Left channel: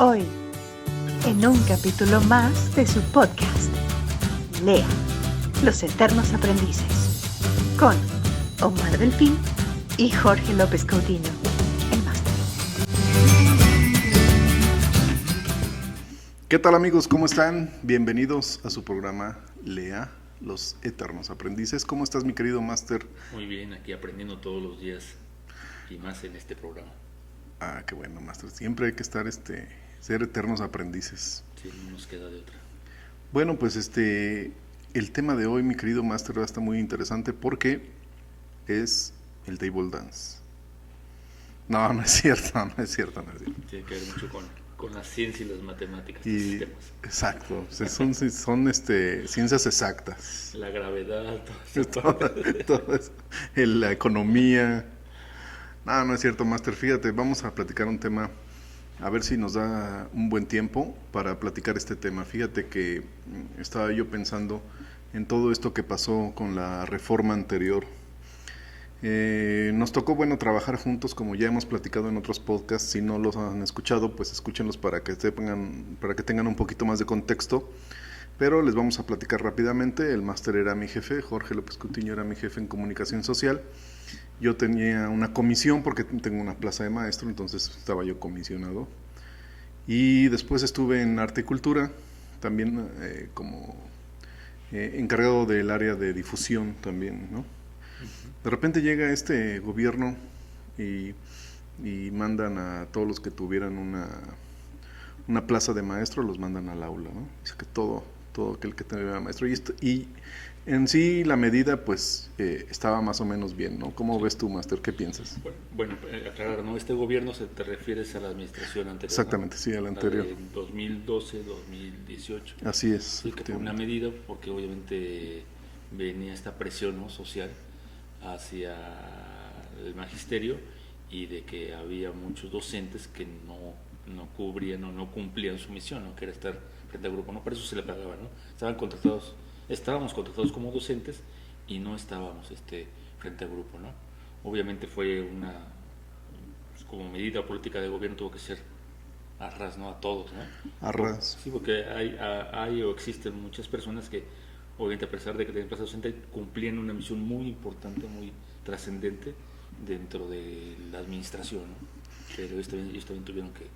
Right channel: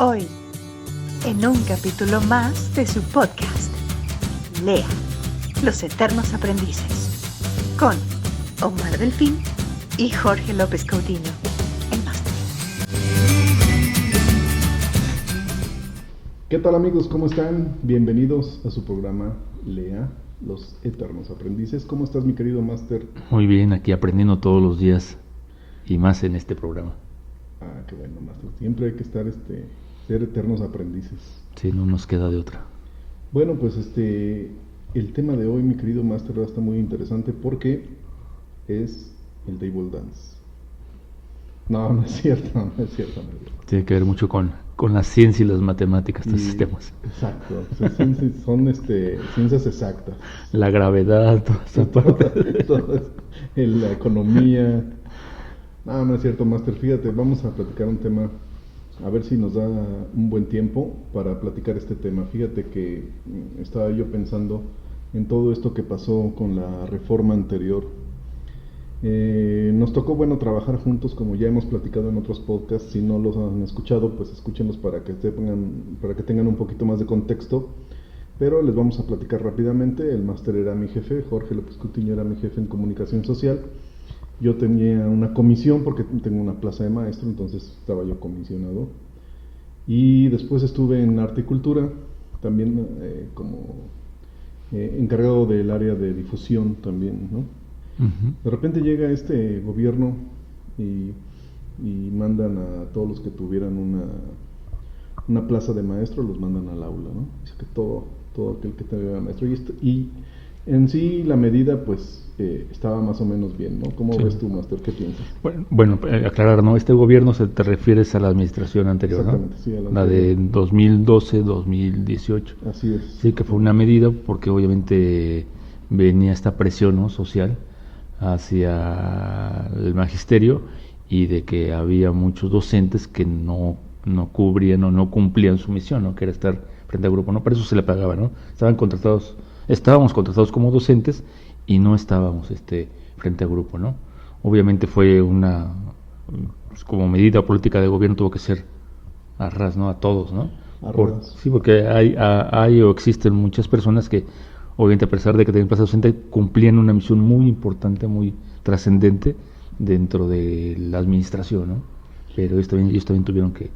Hoy, en un capítulo más de su podcast, Lea, Los Eternos Aprendices, con Omar Delfín y Jorge López Coutinho, el máster. ¿Qué tal, amigos? ¿Cómo están? Bienvenidos a su programa Lea, Los Eternos Aprendices. ¿Cómo estás, mi querido máster? Muy bien, aquí aprendiendo todos los días y más en este programa. Ah, qué bueno, máster. Siempre hay que estar, ser eternos aprendices. Sí, no nos queda de otra. Bueno, pues el tema de hoy, mi querido máster, está muy interesante porque es el table dance. No es cierto, no es cierto. Tiene que ver mucho con la ciencia y las matemáticas de estos temas. Exacto, o sea, son ciencias exactas. La gravedad, todo eso, la economía. No es cierto, máster. Fíjate, vamos a platicar un tema, a ver si nos da un buen tiempo para platicar este tema. Fíjate que estaba yo pensando en todo esto que pasó con la reforma anterior. Nos tocó, trabajar juntos, como ya hemos platicado en otros podcasts. Si no los han escuchado, pues escúchenlos para que tengan un poquito más de contexto. Pero les vamos a platicar rápidamente. El máster era mi jefe, Jorge López Coutinho era mi jefe en comunicación social. Yo tenía una comisión porque tengo una plaza de maestro, entonces estaba yo comisionado. Y después estuve en arte y cultura, también como encargado del área de difusión también, ¿no? Uh-huh. De repente llega este gobierno y mandan a todos los que tuvieran una plaza de maestro, los mandan al aula, ¿no? Dice que todo aquel que tuviera maestro. Y en sí la medida pues estaba más o menos bien, ¿no? ¿Cómo ves tú, máster? ¿Qué piensas? Bueno, aclarar, ¿no? Este gobierno te refieres a la administración anterior, exactamente, ¿no? Sí, a la anterior. La de 2012-2018. Así es. Sí, que fue una medida porque obviamente venía esta presión, ¿no?, social hacia el magisterio y de que había muchos docentes que no cubrían o no cumplían su misión, ¿no?, que era estar frente al grupo, ¿no? Para eso se le pagaba, ¿no? Estábamos contratados como docentes y no estábamos frente al grupo, ¿no? Obviamente fue como medida política de gobierno, tuvo que ser a ras, ¿no? A todos, ¿no? A ras. Sí, porque hay o existen muchas personas que, obviamente, a pesar de que tenían plaza docente, cumplían una misión muy importante, muy trascendente dentro de la administración, ¿no? Pero ellos también tuvieron que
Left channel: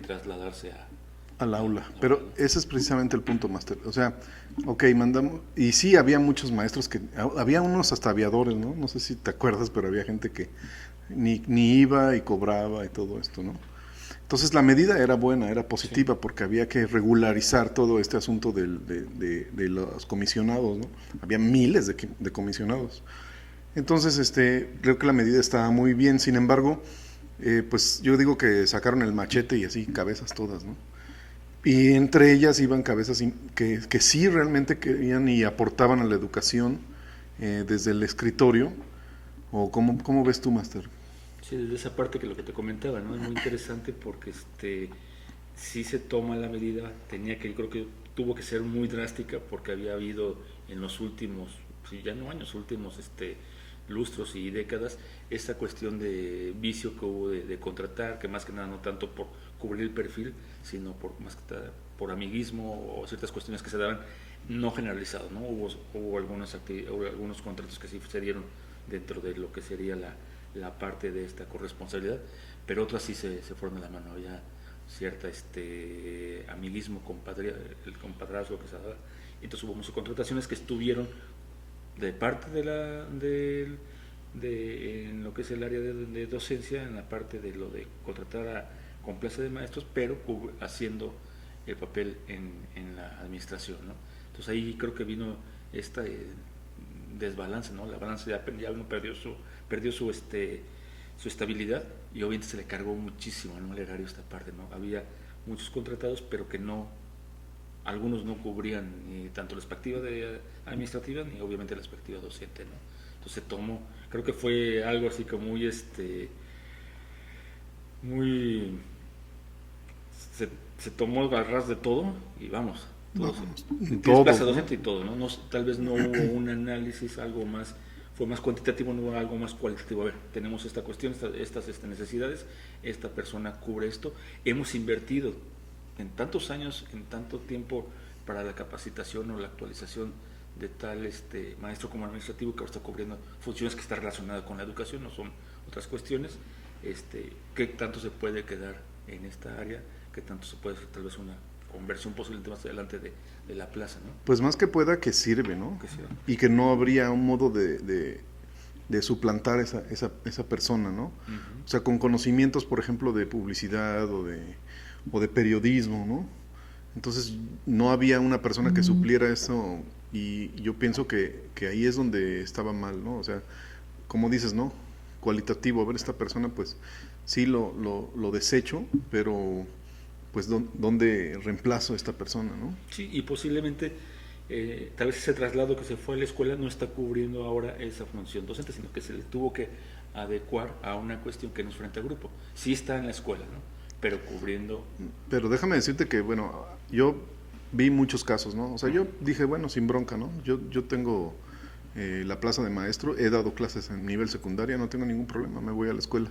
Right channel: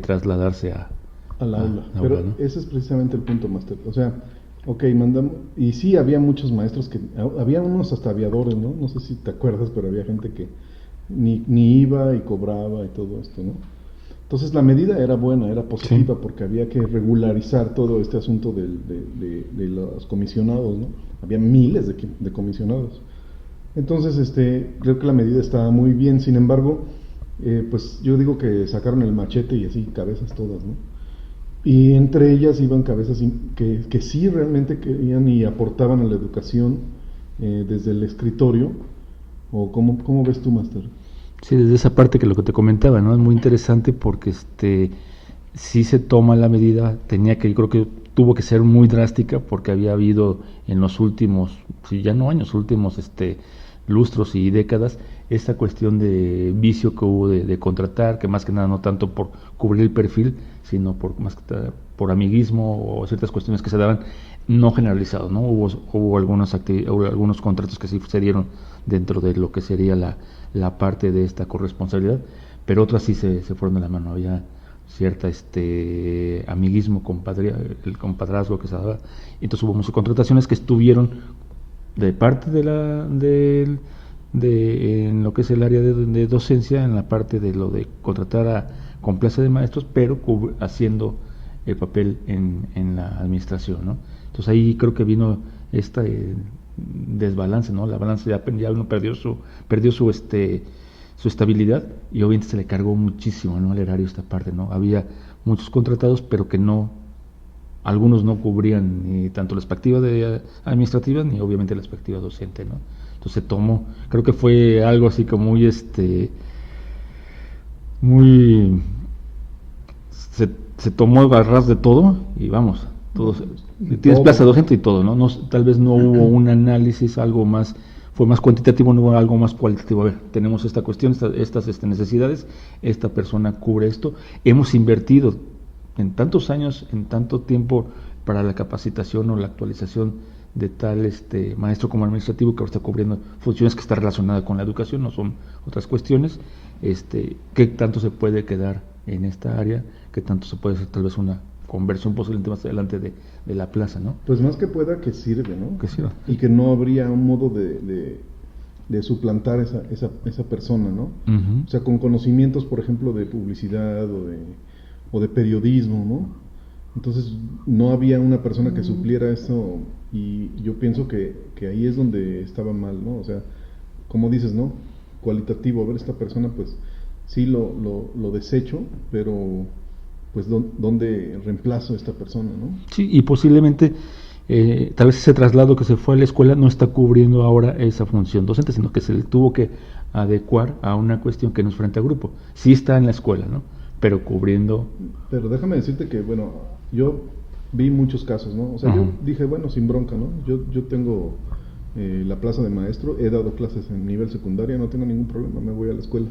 trasladarse al aula. Pero aula, ¿no? Ese es precisamente el punto, máster. O sea, mandamos, y sí había muchos maestros había unos hasta aviadores, ¿no? No sé si te acuerdas, pero había gente que ni iba y cobraba y todo esto, ¿no? Entonces la medida era buena, era positiva, sí, porque había que regularizar todo este asunto de los comisionados, ¿no? Había miles de comisionados. Entonces, creo que la medida estaba muy bien. Sin embargo, pues yo digo que sacaron el machete y así, cabezas todas, ¿no? Y entre ellas iban cabezas que sí realmente querían y aportaban a la educación desde el escritorio. ¿O cómo ves tú, máster? Sí, desde esa parte que lo que te comentaba, ¿no? Es muy interesante porque sí se toma la medida, yo creo que tuvo que ser muy drástica porque había habido en los últimos, ya no años, últimos lustros y décadas, esta cuestión de vicio que hubo de contratar, que más que nada no tanto por cubrir el perfil, sino por amiguismo o ciertas cuestiones que se daban, no generalizados, ¿no? Hubo algunos contratos que sí se dieron dentro de lo que sería la parte de esta corresponsabilidad, pero otras sí se fueron de la mano. Había cierta amiguismo, el compadrazgo que se daba. Entonces hubo muchas contrataciones que estuvieron de parte en lo que es el área de docencia, en la parte de lo de contratar con plaza de maestros, pero haciendo el papel en la administración, ¿no? Entonces ahí creo que vino esta desbalance, ¿no? La balanza ya uno perdió su estabilidad y obviamente se le cargó muchísimo, ¿no?, al erario esta parte, ¿no? Había muchos contratados, pero que algunos no cubrían tanto la perspectiva administrativa ni obviamente la perspectiva docente, ¿no? Entonces creo que fue algo así como se tomó a ras de todo y vamos, tienes plaza docente y todo, ¿no? Tal vez no hubo un análisis, algo más fue más cuantitativo, no algo más cualitativo. A ver, tenemos esta cuestión, estas necesidades, esta persona cubre esto. Hemos invertido en tantos años, en tanto tiempo para la capacitación o la actualización de tal maestro como administrativo que ahora está cubriendo funciones que están relacionadas con la educación, no son otras cuestiones. ¿Qué tanto se puede quedar en esta área? ¿Qué tanto se puede hacer tal vez una conversión posiblemente más adelante de la plaza, ¿no? Pues más que pueda, que sirve, ¿no? Que sirva. Y que no habría un modo de suplantar esa persona, ¿no? Uh-huh. O sea, con conocimientos, por ejemplo, de publicidad o de periodismo, ¿no? Entonces, no había una persona que supliera eso, y yo pienso que ahí es donde estaba mal, ¿no? O sea, como dices, ¿no? Cualitativo, a ver, esta persona, pues, sí lo desecho, pero pues ¿dónde reemplazo a esta persona, no? Sí, y posiblemente tal vez ese traslado que se fue a la escuela no está cubriendo ahora esa función docente, sino que se le tuvo que adecuar a una cuestión que no es frente a grupo. Sí está en la escuela, ¿no? Pero cubriendo... Pero déjame decirte que, bueno, yo vi muchos casos, ¿no? O sea, yo dije, bueno, sin bronca, ¿no? Yo tengo la plaza de maestro, he dado clases en nivel secundaria, no tengo ningún problema, me voy a la escuela.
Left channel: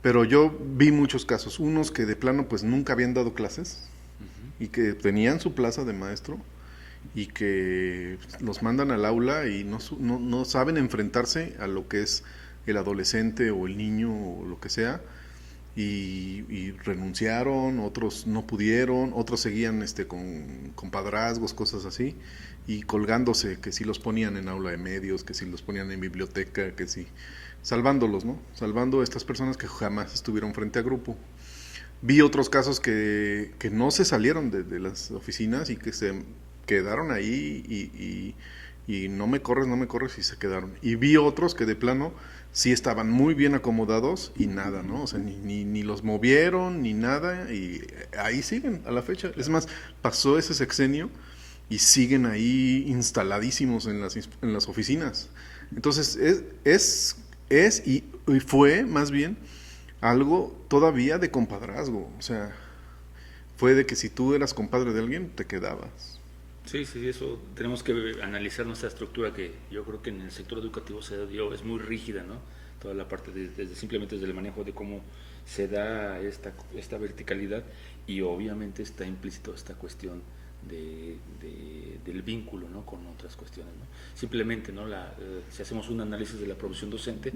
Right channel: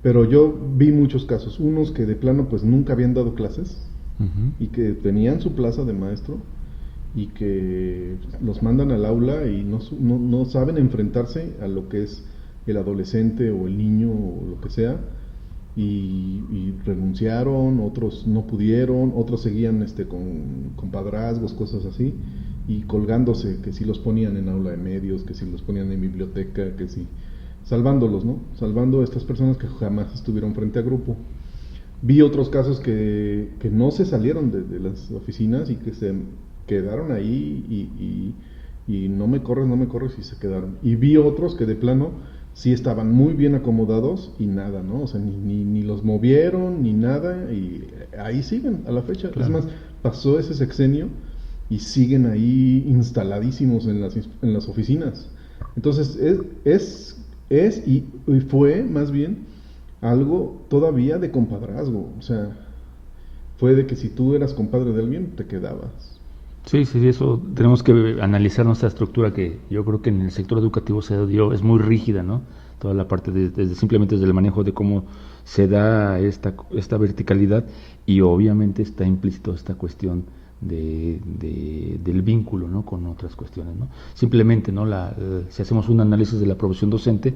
Pero yo vi muchos casos, unos que de plano pues nunca habían dado clases y que tenían su plaza de maestro y que los mandan al aula y no saben enfrentarse a lo que es el adolescente o el niño o lo que sea, y renunciaron, otros no pudieron, otros seguían con padrazgos, cosas así, y colgándose, que si los ponían en aula de medios, que si los ponían en biblioteca, que si... salvándolos, ¿no? Salvando a estas personas que jamás estuvieron frente a grupo. Vi otros casos que no se salieron de las oficinas y que se quedaron ahí y no me corres y se quedaron. Y vi otros que de plano sí estaban muy bien acomodados y nada, ¿no? O sea, ni los movieron ni nada, y ahí siguen a la fecha. Claro. Es más, pasó ese sexenio y siguen ahí instaladísimos en las oficinas. Entonces, es y fue más bien algo todavía de compadrazgo. O sea, fue de que si tú eras compadre de alguien, te quedabas. Sí, eso tenemos que analizar nuestra estructura, que yo creo que en el sector educativo se dio, es muy rígida, ¿no? Toda la parte simplemente desde el manejo de cómo se da esta verticalidad, y obviamente está implícito esta cuestión del vínculo, ¿no? Con otras cuestiones, ¿no? Simplemente, ¿no? Si hacemos un análisis de la profesión docente,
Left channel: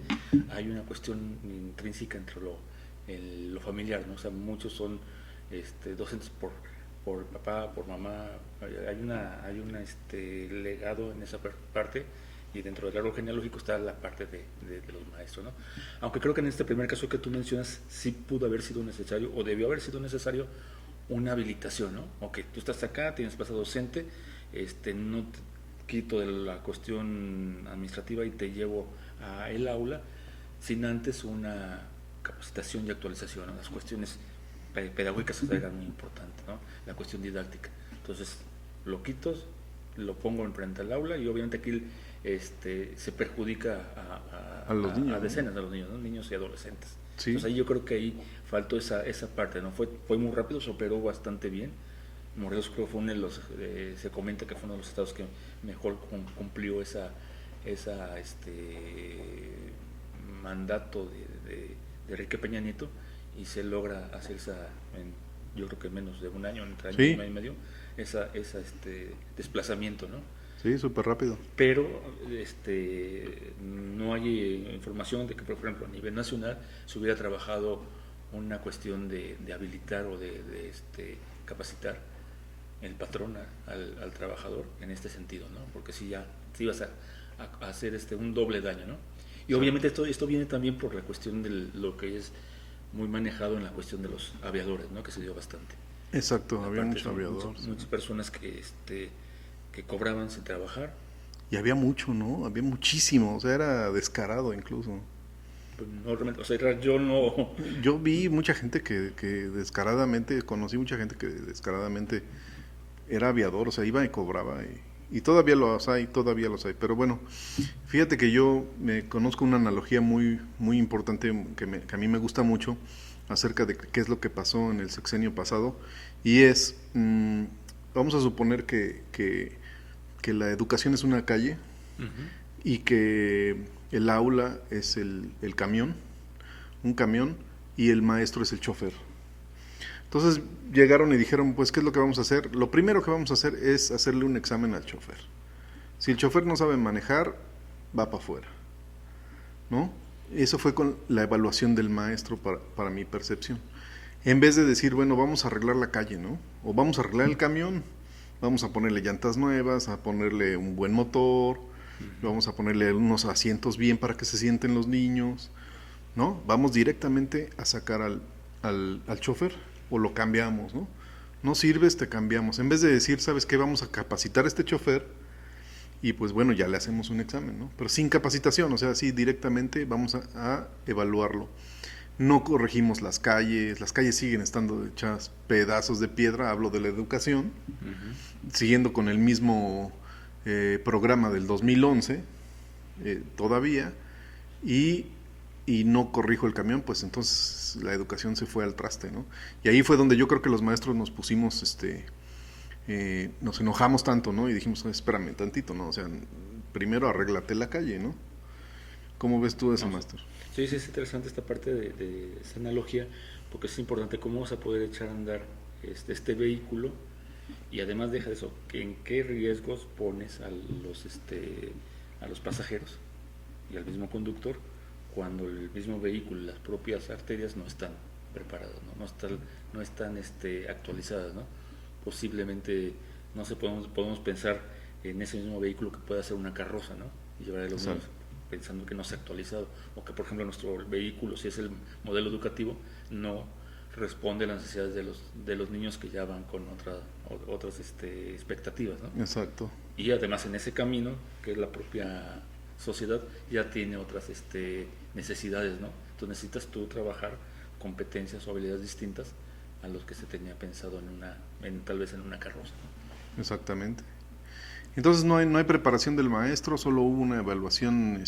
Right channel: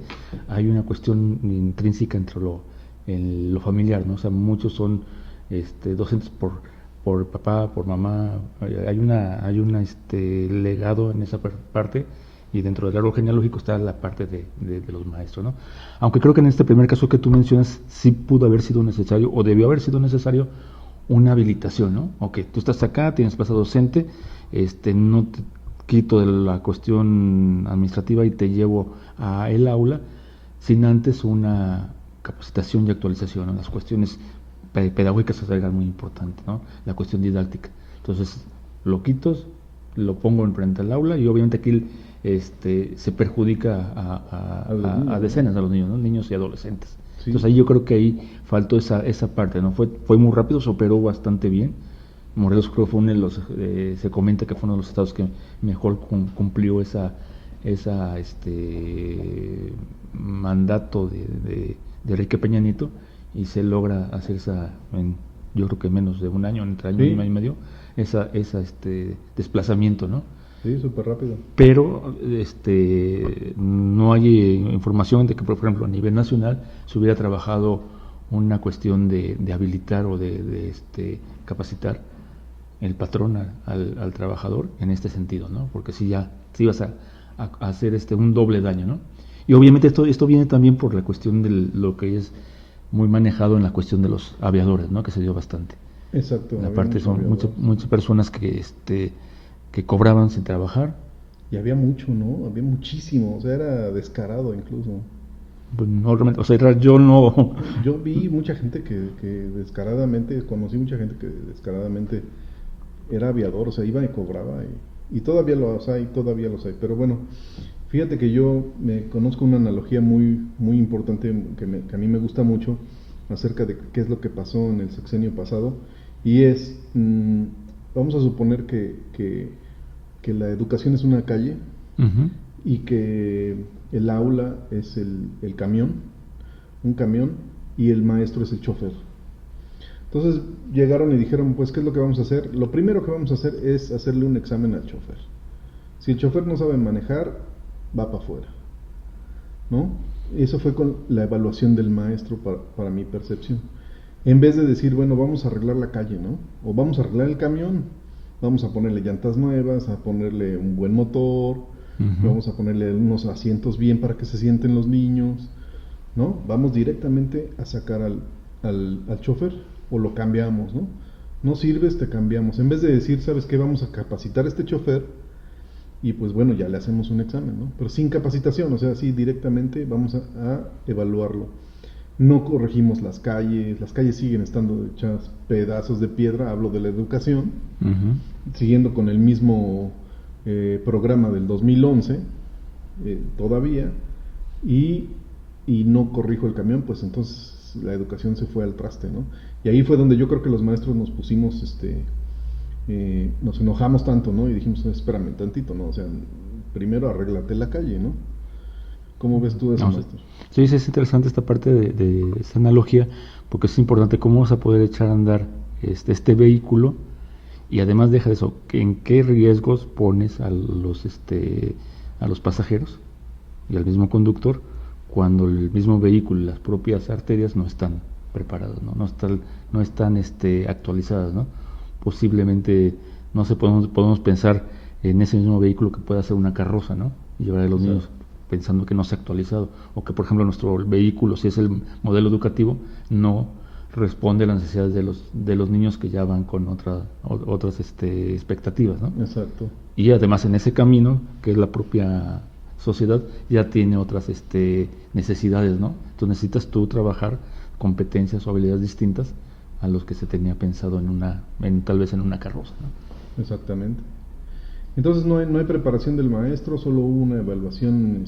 hay una cuestión intrínseca entre lo familiar, ¿no? O sea, muchos son docentes por papá, por mamá. Hay un legado en esa parte, y dentro del árbol genealógico está la parte de los maestros, ¿no? Aunque creo que en este primer caso que tú mencionas sí pudo haber sido necesario, o debió haber sido necesario, una habilitación, ¿no? Ok, tú estás acá, tienes plaza docente, no te quito de la cuestión administrativa y te llevo a el aula sin antes una capacitación y actualización, ¿no? Las cuestiones pedagógicas se salgan muy importantes, ¿no? La cuestión didáctica. Entonces, lo quito, lo pongo enfrente al aula, y obviamente aquí se perjudica a decenas de los niños, ¿no? Niños y adolescentes. Sí. Entonces ahí yo creo que ahí faltó esa parte, ¿no? Fue muy rápido, se operó bastante bien. Morelos creo que fue uno de los, se comenta que fue uno de los estados que mejor cumplió esa mandato de Enrique Peña Nieto, y se logra hacer yo creo que menos de un año, entre año y año y medio, desplazamiento, ¿no? Sí, súper rápido. Pero no hay información de que, por ejemplo, a nivel nacional se hubiera trabajado una cuestión de habilitar o de capacitar el patrón al trabajador en este sentido, ¿no? Porque si vas a hacer un doble daño, ¿no? Y obviamente esto viene también por la cuestión de lo que es muy manejado en la cuestión de los aviadores, ¿no? Que se dio bastante. Exacto. Aparte son muchas personas que cobraban sin trabajar. Y había mucho, ¿no? Había muchísimo, o sea, era descarado incluso. Pues no, realmente, o sea, yo no... Yo vi mucha gente que descaradamente, conocí mucha gente que descaradamente era aviador, o sea, iba y cobraba, y todavía los hay, pero bueno, fíjate que yo me conozco una analogía muy, muy importante que a mí me gusta mucho acerca de qué es lo que pasó en el sexenio pasado, y es, vamos a suponer que la educación es una calle, y que el aula es el camión, un camión, y el maestro es el chofer. Entonces llegaron y dijeron, pues, ¿qué es lo que vamos a hacer? Lo primero que vamos a hacer es hacerle un examen al chofer. Si el chofer no sabe manejar, va para afuera, ¿no? Eso fue con la evaluación del maestro para mi percepción. En vez de decir, bueno, vamos a arreglar la calle, ¿no? O vamos a arreglar el camión, vamos a ponerle llantas nuevas, a ponerle un buen motor, vamos a ponerle unos asientos bien para que se sienten los niños, ¿no? Vamos directamente a sacar al chofer, o lo cambiamos, ¿no? No sirves, te cambiamos. En vez de decir, ¿sabes qué? Vamos a capacitar a este chofer y pues bueno, ya le hacemos un examen, ¿no? Pero sin capacitación, o sea, así directamente vamos a evaluarlo. No corregimos las calles siguen estando hechas pedazos de piedra, hablo de la educación, siguiendo con el mismo programa del 2011, todavía, y no corrijo el camión, pues entonces la educación se fue al traste, ¿no? Y ahí fue donde yo creo que los maestros nos pusimos, nos enojamos tanto, ¿no? Y dijimos, espérame tantito, ¿no? O sea, primero arréglate la calle, ¿no? ¿Cómo ves tú eso, maestro? Sí, es interesante esta parte de esta analogía, porque es importante cómo vas a poder echar a andar este vehículo, y además deja de eso, en qué riesgos pones a los pasajeros y al mismo conductor cuando el mismo vehículo y las propias arterias no están preparadas, no están actualizadas, ¿no? Posiblemente, no sé, podemos pensar en ese mismo vehículo que pueda ser una carroza, ¿no? Y llevar a los niños pensando que no se ha actualizado, o que por ejemplo nuestro vehículo, si es el modelo educativo, no responde a las necesidades de los niños que ya van con otras expectativas, ¿no? Exacto. Y además en ese camino, que es la propia sociedad, ya tiene otras necesidades, ¿no? Entonces necesitas tú trabajar competencias o habilidades distintas a los que se tenía pensado tal vez en una carroza, ¿no? Exactamente. Entonces no hay preparación del maestro, solo hubo una evaluación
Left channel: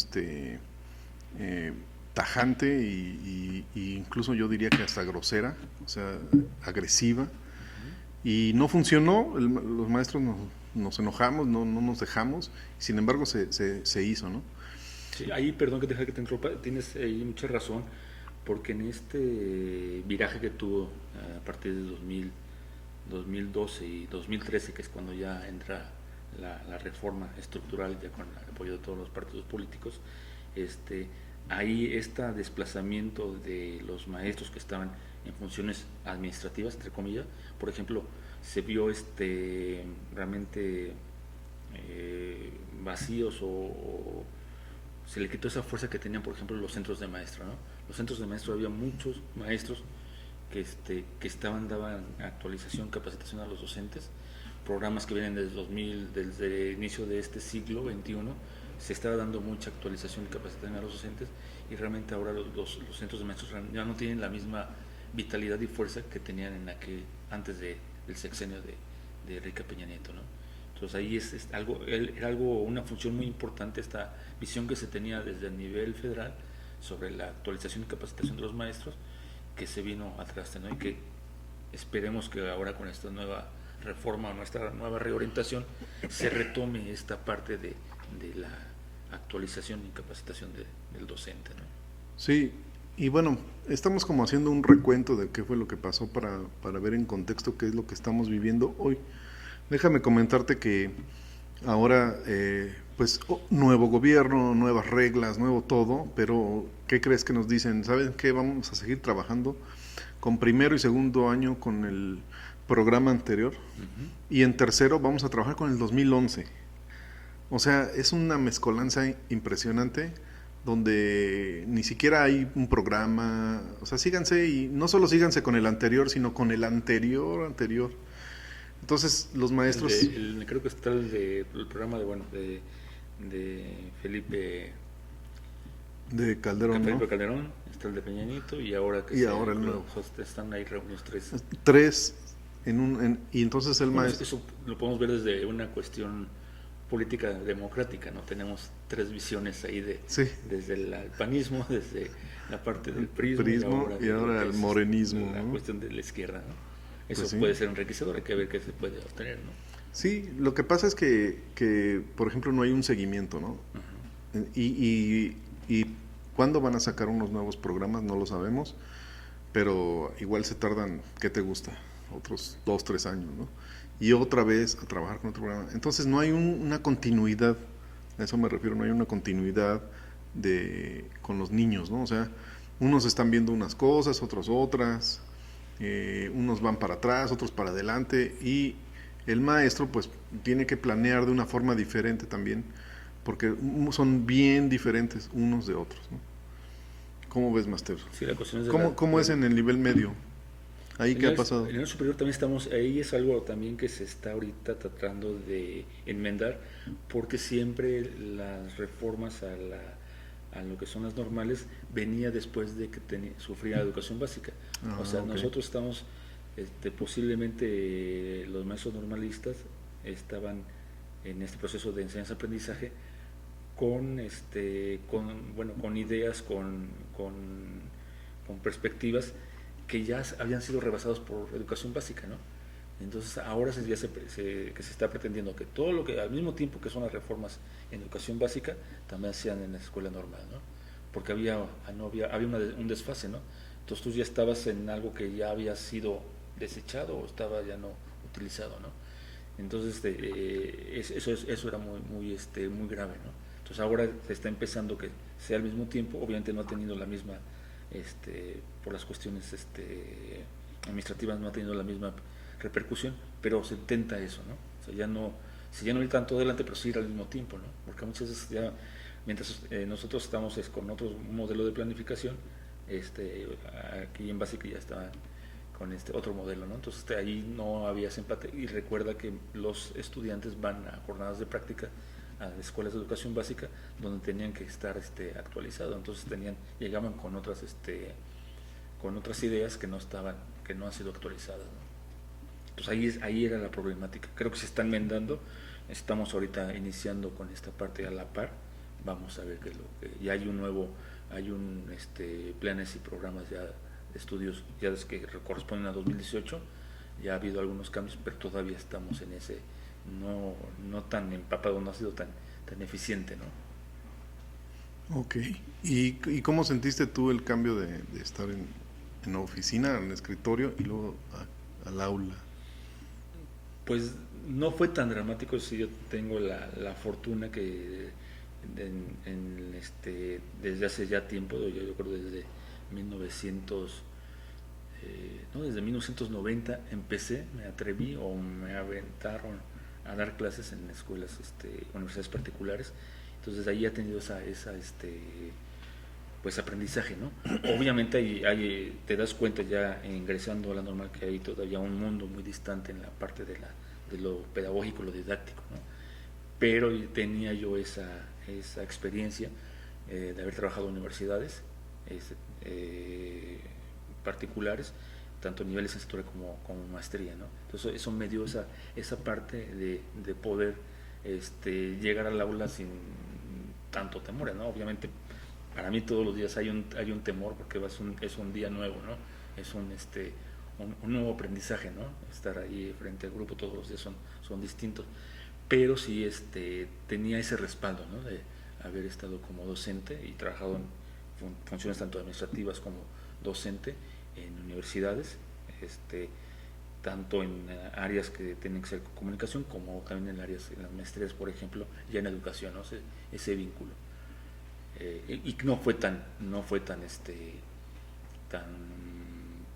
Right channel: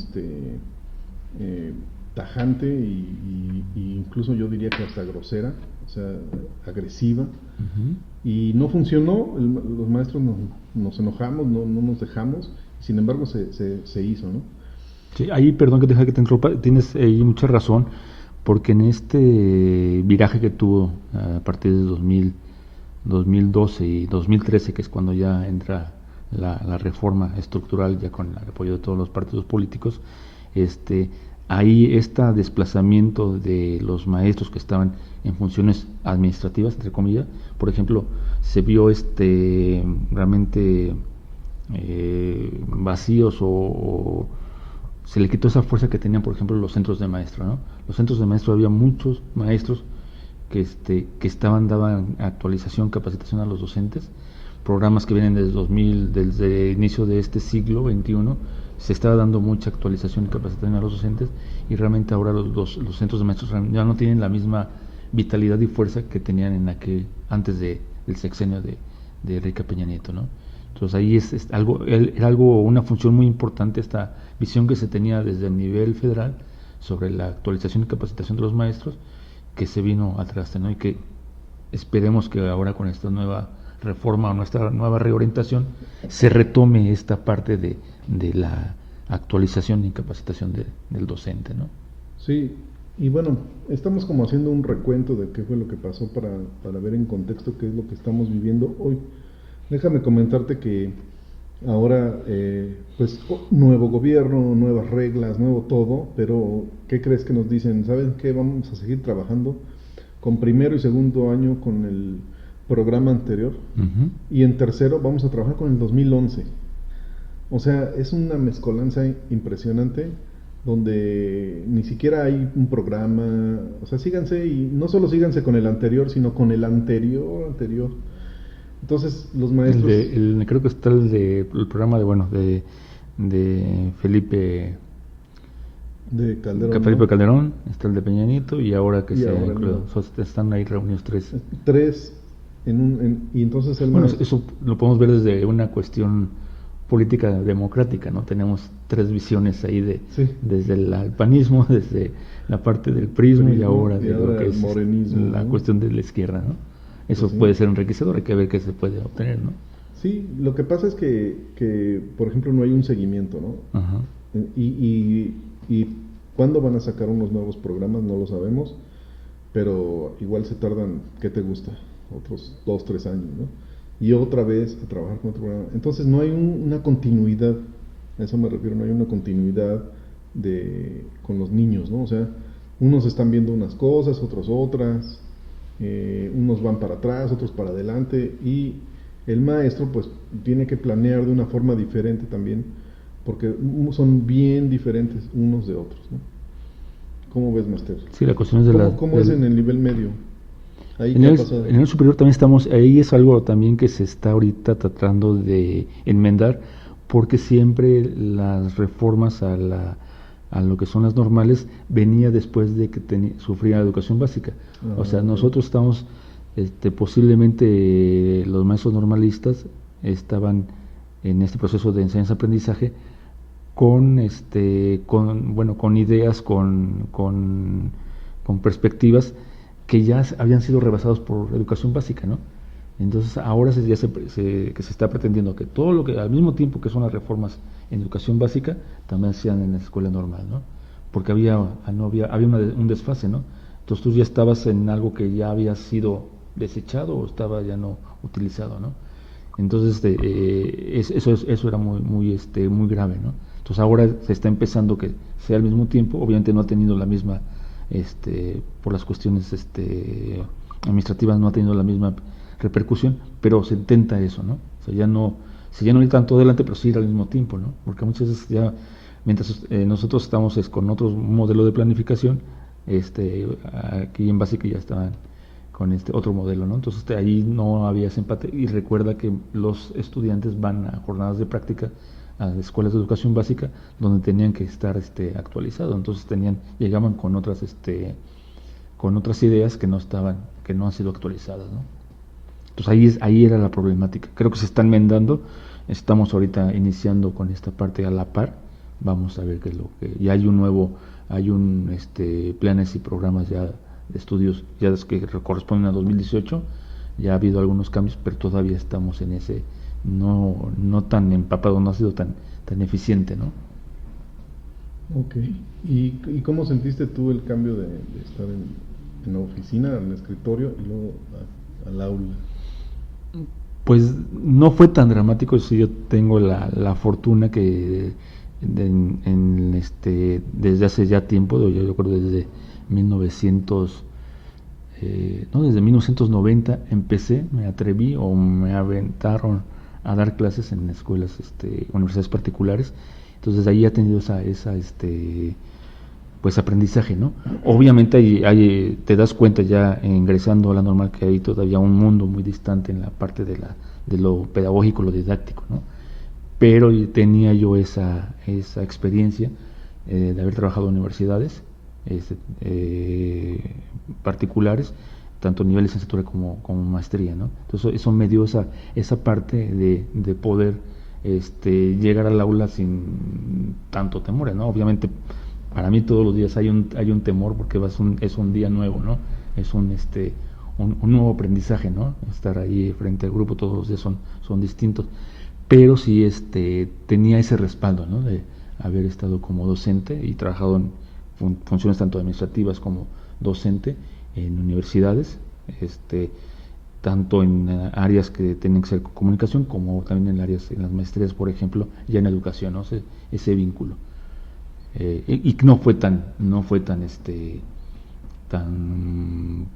tajante y incluso yo diría que hasta grosera, o sea, agresiva, y no funcionó. Los maestros nos enojamos, no nos dejamos, y sin embargo se hizo, ¿no? Sí, ahí, perdón que te interrumpa, tienes ahí mucha razón, porque en este viraje que tuvo a partir de 2012 y 2013, que es cuando ya entra la reforma estructural, ya con el apoyo de todos los partidos políticos, ahí desplazamiento de los maestros que estaban en funciones administrativas, entre comillas, por ejemplo, se vio realmente vacíos, o se le quitó esa fuerza que tenían, por ejemplo, los centros de maestro, ¿no? Los centros de maestro, había muchos maestros que daban actualización, capacitación a los docentes, programas que vienen desde el inicio de este siglo XXI, se estaba dando mucha actualización y capacitación a los docentes, y realmente ahora los centros de maestros ya no tienen la misma vitalidad y fuerza que tenían antes del sexenio de Enrique Peña Nieto, ¿no? Entonces ahí es una función muy importante, esta visión que se tenía desde el nivel federal sobre la actualización y capacitación de los maestros, que se vino atrás, ¿no? Y que esperemos que ahora con esta nueva reforma o nuestra nueva reorientación se retome esta parte de la actualización y capacitación del docente, ¿no? Sí, y bueno, estamos como haciendo un recuento de qué fue lo que pasó para ver en contexto qué es lo que estamos viviendo hoy. Déjame comentarte que ahora, pues, nuevo gobierno, nuevas reglas, nuevo todo, pero ¿qué crees que nos dicen? ¿Saben qué? Vamos a seguir trabajando con primero y segundo año con el programa anterior, y en tercero vamos a trabajar con el 2011. O sea, es una mezcolanza impresionante, donde ni siquiera hay un programa. O sea, síganse, y no solo síganse con el anterior, sino con el anterior. Entonces, los maestros... creo que está el programa de Felipe... De Calderón, Felipe Calderón, está el de Peña Nieto, y ahora están ahí reunidos tres y entonces el maestro... Eso lo podemos ver desde una cuestión política democrática, ¿no? Tenemos tres visiones ahí desde el panismo, desde la parte del prismo y ahora el morenismo, la cuestión de la izquierda, ¿no? Eso puede ser enriquecedor, hay que ver qué se puede obtener, ¿no? Sí, lo que pasa es que por ejemplo, no hay un seguimiento, ¿no? Y cuándo van a sacar unos nuevos programas, no lo sabemos, pero igual se tardan, ¿qué te gusta? Otros 2, 3 años, ¿no? Y otra vez a trabajar con otro programa. Entonces no hay una continuidad, a eso me refiero, no hay una continuidad con los niños, ¿no? O sea, unos están viendo unas cosas, otros otras, unos van para atrás, otros para adelante, y el maestro pues tiene que planear de una forma diferente también, porque son bien diferentes unos de otros, ¿no? ¿Cómo ves, Master? Sí, la cuestión es ¿Cómo es en el nivel medio? ¿Ahí qué ha pasado? En el superior también estamos, ahí es algo también que se está ahorita tratando de enmendar, porque siempre las reformas a lo que son las normales venía después de que sufría la educación básica. O sea, Okay. nosotros estamos, posiblemente los maestros normalistas estaban en este proceso de enseñanza-aprendizaje con ideas, con perspectivas que ya habían sido rebasados por educación básica, ¿no? Entonces ahora que se está pretendiendo que todo lo que al mismo tiempo que son las reformas en educación básica también sean en la escuela normal, ¿no? Porque había un desfase, ¿no? Entonces tú ya estabas en algo que ya había sido desechado o estaba ya no utilizado, ¿no? Entonces eso era muy grave, ¿no? Entonces ahora se está empezando que sea al mismo tiempo, obviamente no ha tenido la misma, por las cuestiones administrativas no ha tenido la misma repercusión, pero se intenta eso, ¿no? O sea, ya no ir tanto adelante, pero sí ir al mismo tiempo, ¿no? Porque muchas veces ya, mientras nosotros estamos con otro modelo de planificación, aquí en básica ya estaban con este otro modelo, ¿no? Entonces ahí no había ese empate, y recuerda que los estudiantes van a jornadas de práctica a las escuelas de educación básica donde tenían que estar actualizados, entonces llegaban con otras ideas que no han sido actualizadas, ¿no? Entonces ahí era la problemática. Creo que se están enmendando, estamos ahorita iniciando con esta parte a la par, vamos a ver qué es lo que ya hay planes y programas ya de estudios ya que corresponden a 2018, ya ha habido algunos cambios, pero todavía estamos en ese no tan empapado, no ha sido tan eficiente, ¿no? Ok. ¿Y cómo sentiste tú el cambio de estar en la oficina, en el escritorio y luego al aula? Pues no fue tan dramático, sí, yo tengo la fortuna que desde hace ya tiempo, yo creo desde 1990 empecé, me atreví o me aventaron a dar clases en escuelas, universidades particulares. Entonces ahí he tenido pues aprendizaje, ¿no? Obviamente te das cuenta ya ingresando a la normal que hay todavía un mundo muy distante en la parte de lo pedagógico, lo didáctico, ¿no? Pero tenía yo esa experiencia de haber trabajado en universidades particulares, tanto nivel de licenciatura como maestría, ¿no? Entonces eso me dio esa parte de poder llegar al aula sin tanto temor, ¿no? Obviamente para mí todos los días hay un temor porque es un día nuevo, ¿no? Es un nuevo aprendizaje, ¿no? Estar ahí frente al grupo todos los días son distintos, pero sí tenía ese respaldo, ¿no? De haber estado como docente y trabajado en funciones tanto administrativas como docente en universidades, tanto en áreas que tienen que ser comunicación como también en las maestrías, por ejemplo, ya en educación, ¿no? Ese vínculo. Y no fue tan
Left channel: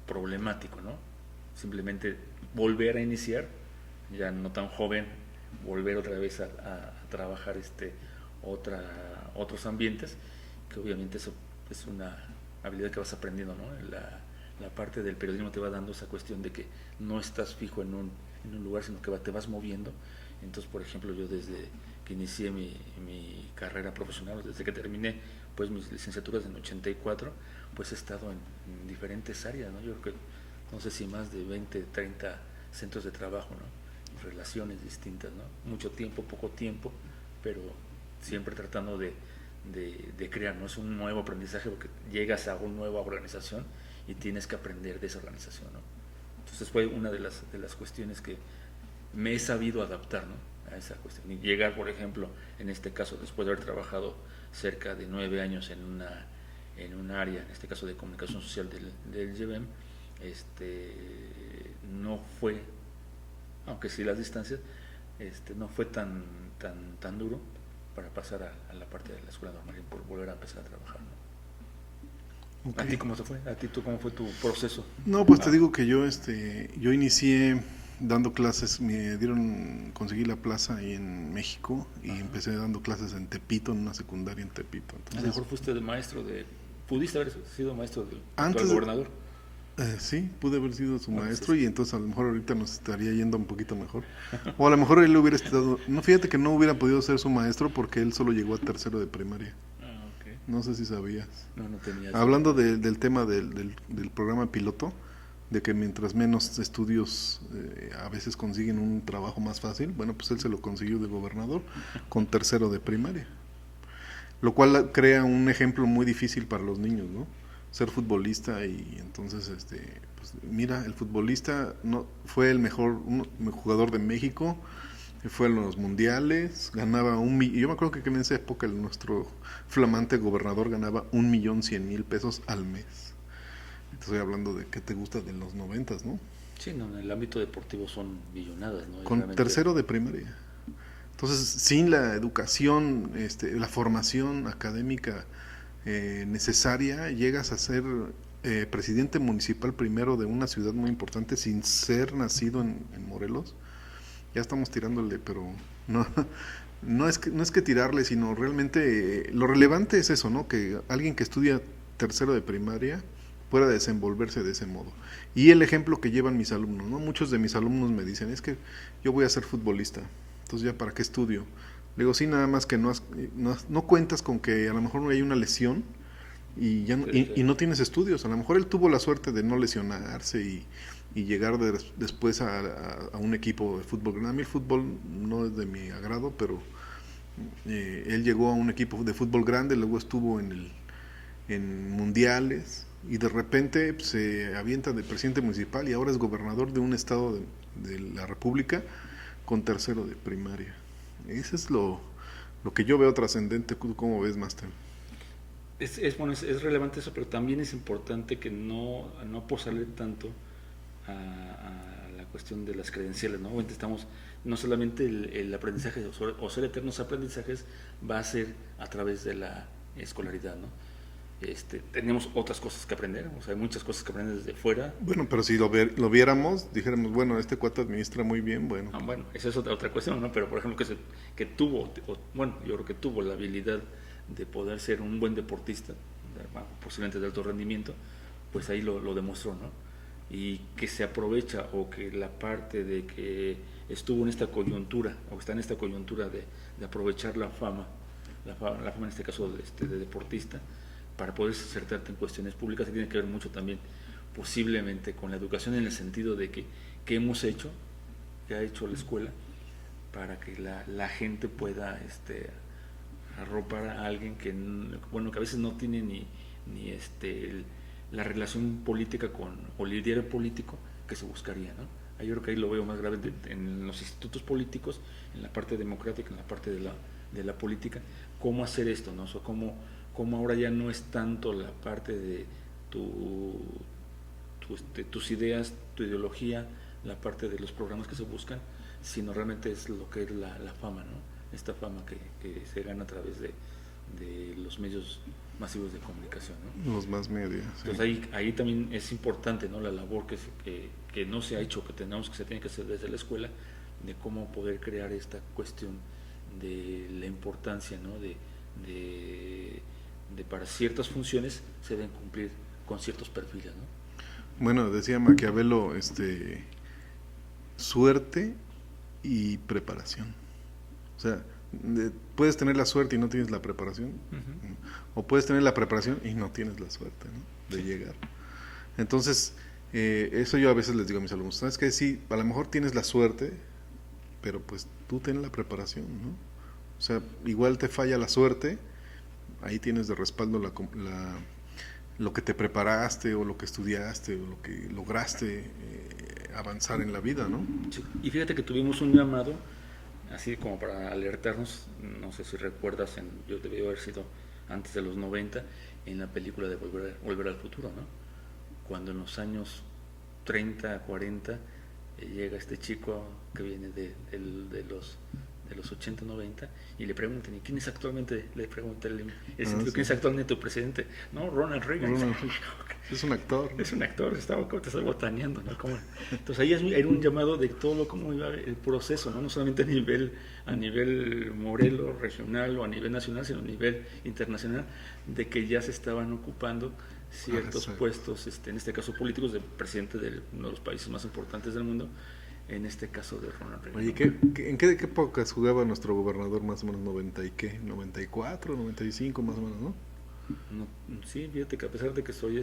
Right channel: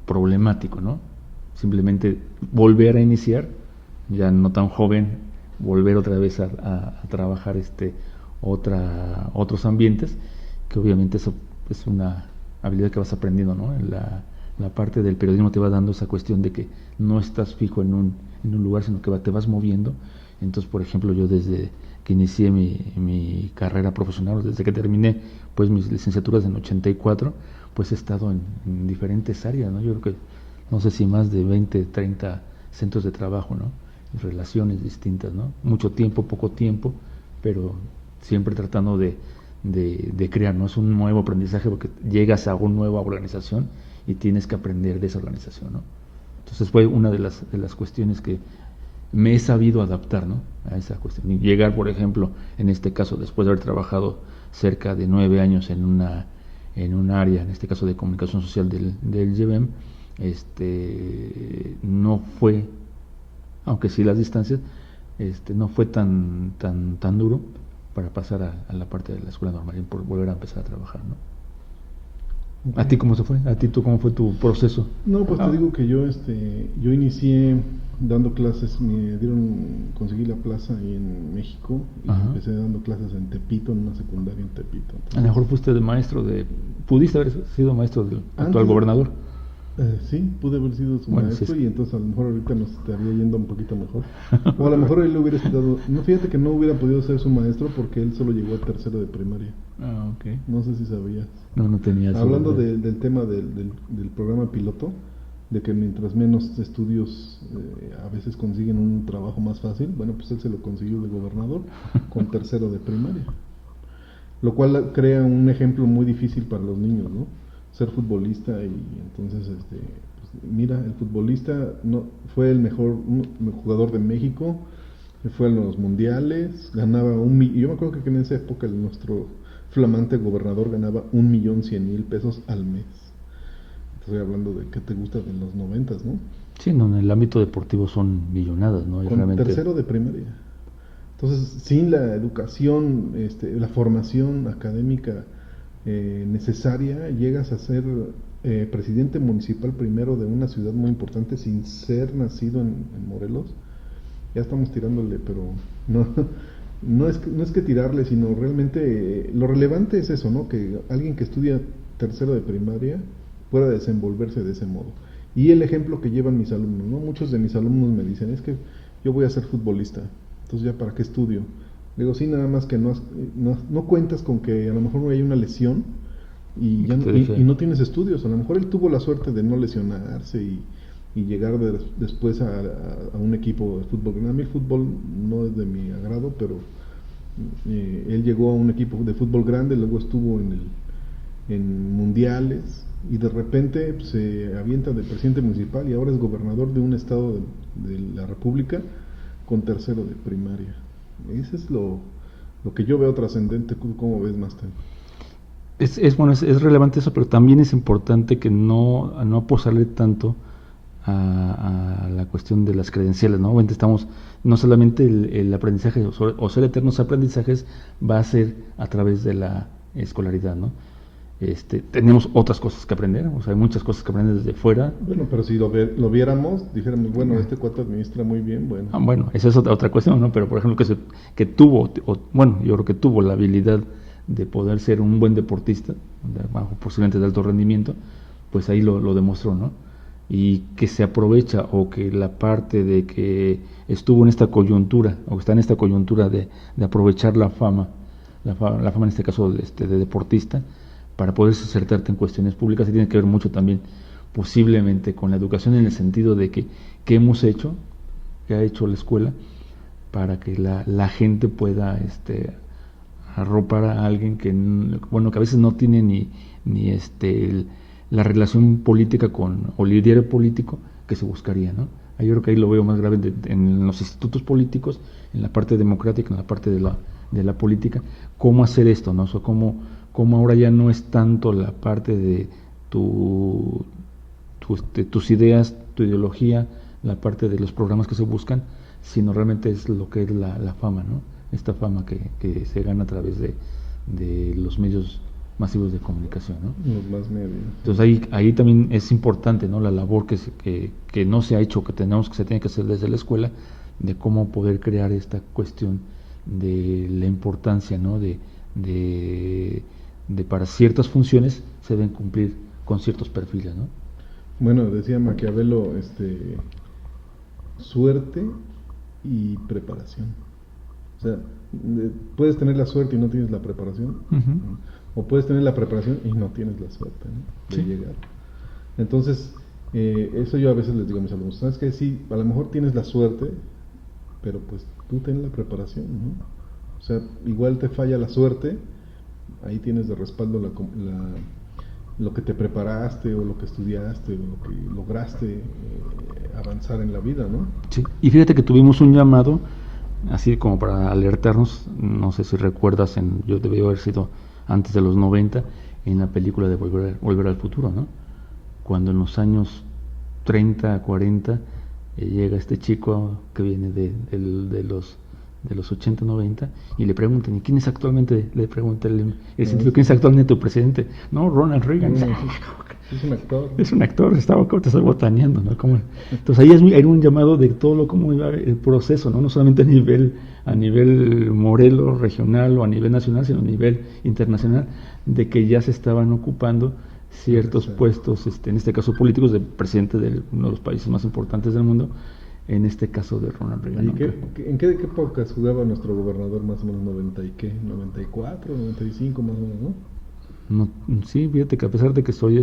problemático, ¿no? Simplemente volver a iniciar, ya no tan joven, volver otra vez a trabajar otros ambientes, que obviamente eso es una habilidad que vas aprendiendo, ¿no? La parte del periodismo te va dando esa cuestión de que no estás fijo en un lugar, sino que te vas moviendo. Entonces, por ejemplo, yo desde que inicié mi carrera profesional, desde que terminé pues mis licenciaturas en 84, pues he estado en diferentes áreas, ¿no? Yo creo que no sé si más de 20, 30 centros de trabajo, ¿no? Relaciones distintas, ¿no? Mucho tiempo, poco tiempo, pero siempre tratando de crear, ¿no? Es un nuevo aprendizaje porque llegas a una nueva organización y tienes que aprender de esa organización, ¿no? Entonces fue una de las cuestiones que me he sabido adaptar, ¿no? A esa cuestión. Y llegar, por ejemplo, en este caso, después de haber trabajado cerca de 9 años en un área, en este caso de comunicación social del YEBEM, no fue, aunque sí las distancias, no fue tan duro para pasar a la parte de la escuela normal y por volver a empezar a trabajar, ¿no? Okay. ¿A ti cómo se fue? ¿A ti cómo fue tu proceso? No, pues te digo que yo inicié dando clases, conseguí la plaza ahí en México y empecé dando clases en Tepito, en una secundaria en Tepito. Entonces, a lo mejor fuiste de maestro ¿pudiste haber sido maestro del actual gobernador? Sí, pude haber sido su maestro y entonces a lo mejor ahorita nos estaría yendo un poquito mejor. O a lo mejor él hubiera estado... No, fíjate que no hubiera podido ser su maestro porque él solo llegó a tercero de primaria. Okay. No sé si sabías. No tenía. Hablando del tema del programa piloto, de que mientras menos estudios a veces consiguen un trabajo más fácil, bueno, pues él se lo consiguió de gobernador con tercero de primaria. Lo cual crea un ejemplo muy difícil para los niños, ¿no? Ser futbolista y entonces pues mira, el futbolista no fue el mejor jugador de México, fue en los mundiales, ganaba yo me acuerdo que en esa época nuestro flamante gobernador ganaba 1,100,000 pesos al mes. Estoy hablando de qué te gusta de los 90s, ¿no? Sí, no, en el ámbito deportivo son millonadas, ¿no? Con realmente... tercero de primaria. Entonces, sin la educación, la formación académica necesaria, llegas a ser presidente municipal primero de una ciudad muy importante sin ser nacido en Morelos. Ya estamos tirándole, pero no es que tirarle, sino realmente lo relevante es eso, ¿no? Que alguien que estudia tercero de primaria pueda desenvolverse de ese modo. Y el ejemplo que llevan mis alumnos, ¿no? Muchos de mis alumnos me dicen, es que yo voy a ser futbolista, entonces ya para qué estudio. Le digo, sí, nada más que no cuentas con que a lo mejor no hay una lesión y no tienes estudios. A lo mejor él tuvo la suerte de no lesionarse y llegar después a un equipo de fútbol. A mí el fútbol no es de mi agrado, pero él llegó a un equipo de fútbol grande, luego estuvo en mundiales y de repente pues, se avienta de presidente municipal y ahora es gobernador de un estado de la República con tercero de primaria. Ese es lo que yo veo trascendente. ¿Cómo ves, Master? Es relevante eso, pero también es importante que no apostarle tanto a la cuestión de las credenciales, ¿no? Obviamente estamos, no solamente el aprendizaje o ser eternos aprendizajes va a ser a través de la escolaridad, ¿no? Tenemos otras cosas que aprender, o sea, hay muchas cosas que aprender desde fuera. Bueno, pero si lo viéramos, dijéramos, bueno, este cuate administra muy bien, bueno. Bueno, esa es otra cuestión, ¿no? Pero, por ejemplo, que tuvo, yo creo que tuvo la habilidad de poder ser un buen deportista, posiblemente de alto rendimiento, pues ahí lo demostró, ¿no? Y que se aprovecha, o que la parte de que estuvo en esta coyuntura, o está en esta coyuntura de aprovechar la fama en este caso de deportista, para poder acertarte en cuestiones públicas, se tiene que ver mucho también posiblemente con la educación, en el sentido de que hemos hecho, que ha hecho la escuela, para que la gente pueda arropar a alguien que a veces no tiene ni la relación política o líder político que se buscaría, ¿no? Yo creo que ahí lo veo más grave en los institutos políticos, en la parte democrática, en la parte de la política, cómo hacer esto, ¿no? O sea, cómo ahora ya no es tanto la parte de tus ideas, tu ideología, la parte de los programas que se buscan, sino realmente es lo que es la fama, ¿no? Esta fama que se gana a través de los medios masivos de comunicación, ¿no? Los más medios. Sí. Entonces ahí también es importante, ¿no? La labor que no se ha hecho, que se tiene que hacer desde la escuela, de cómo poder crear esta cuestión de la importancia, ¿no? De para ciertas funciones se deben cumplir con ciertos perfiles, ¿no? Bueno, decía Maquiavelo, suerte y preparación. O sea, puedes tener la suerte y no tienes la preparación, o puedes tener la preparación y no tienes la suerte, ¿no? De llegar. Entonces, eso yo a veces les digo a mis alumnos, ¿sabes qué? Sí, a lo mejor tienes la suerte, pero pues tú tienes la preparación, ¿no? O sea, igual te falla la suerte, ahí tienes de respaldo lo que te preparaste, o lo que estudiaste, o lo que lograste avanzar en la vida, ¿no? Sí, y fíjate que tuvimos un llamado así como para alertarnos, no sé si recuerdas, yo debió haber sido antes de los 90, en la película de Volver al Futuro, ¿no? Cuando en los años 30, 40, llega este chico que viene de los 80, 90, y le preguntan, ¿y quién es actualmente? Le pregunta el sentido, ¿quién es actualmente tu presidente? No, Ronald Reagan. Es un actor. Es un actor, te está botaneando, ¿no? Entonces ahí era un llamado de todo cómo iba el proceso, ¿no? No solamente a nivel Morelos, regional o a nivel nacional, sino a nivel internacional, de que ya se estaban ocupando ciertos puestos, en este caso políticos, del presidente de uno de los países más importantes del mundo, en este caso de Ronald Reagan. ¿Y en qué épocas jugaba nuestro gobernador? Más o menos 90 y qué, 94, 95 más o menos, ¿no? No, sí, fíjate que a pesar de que soy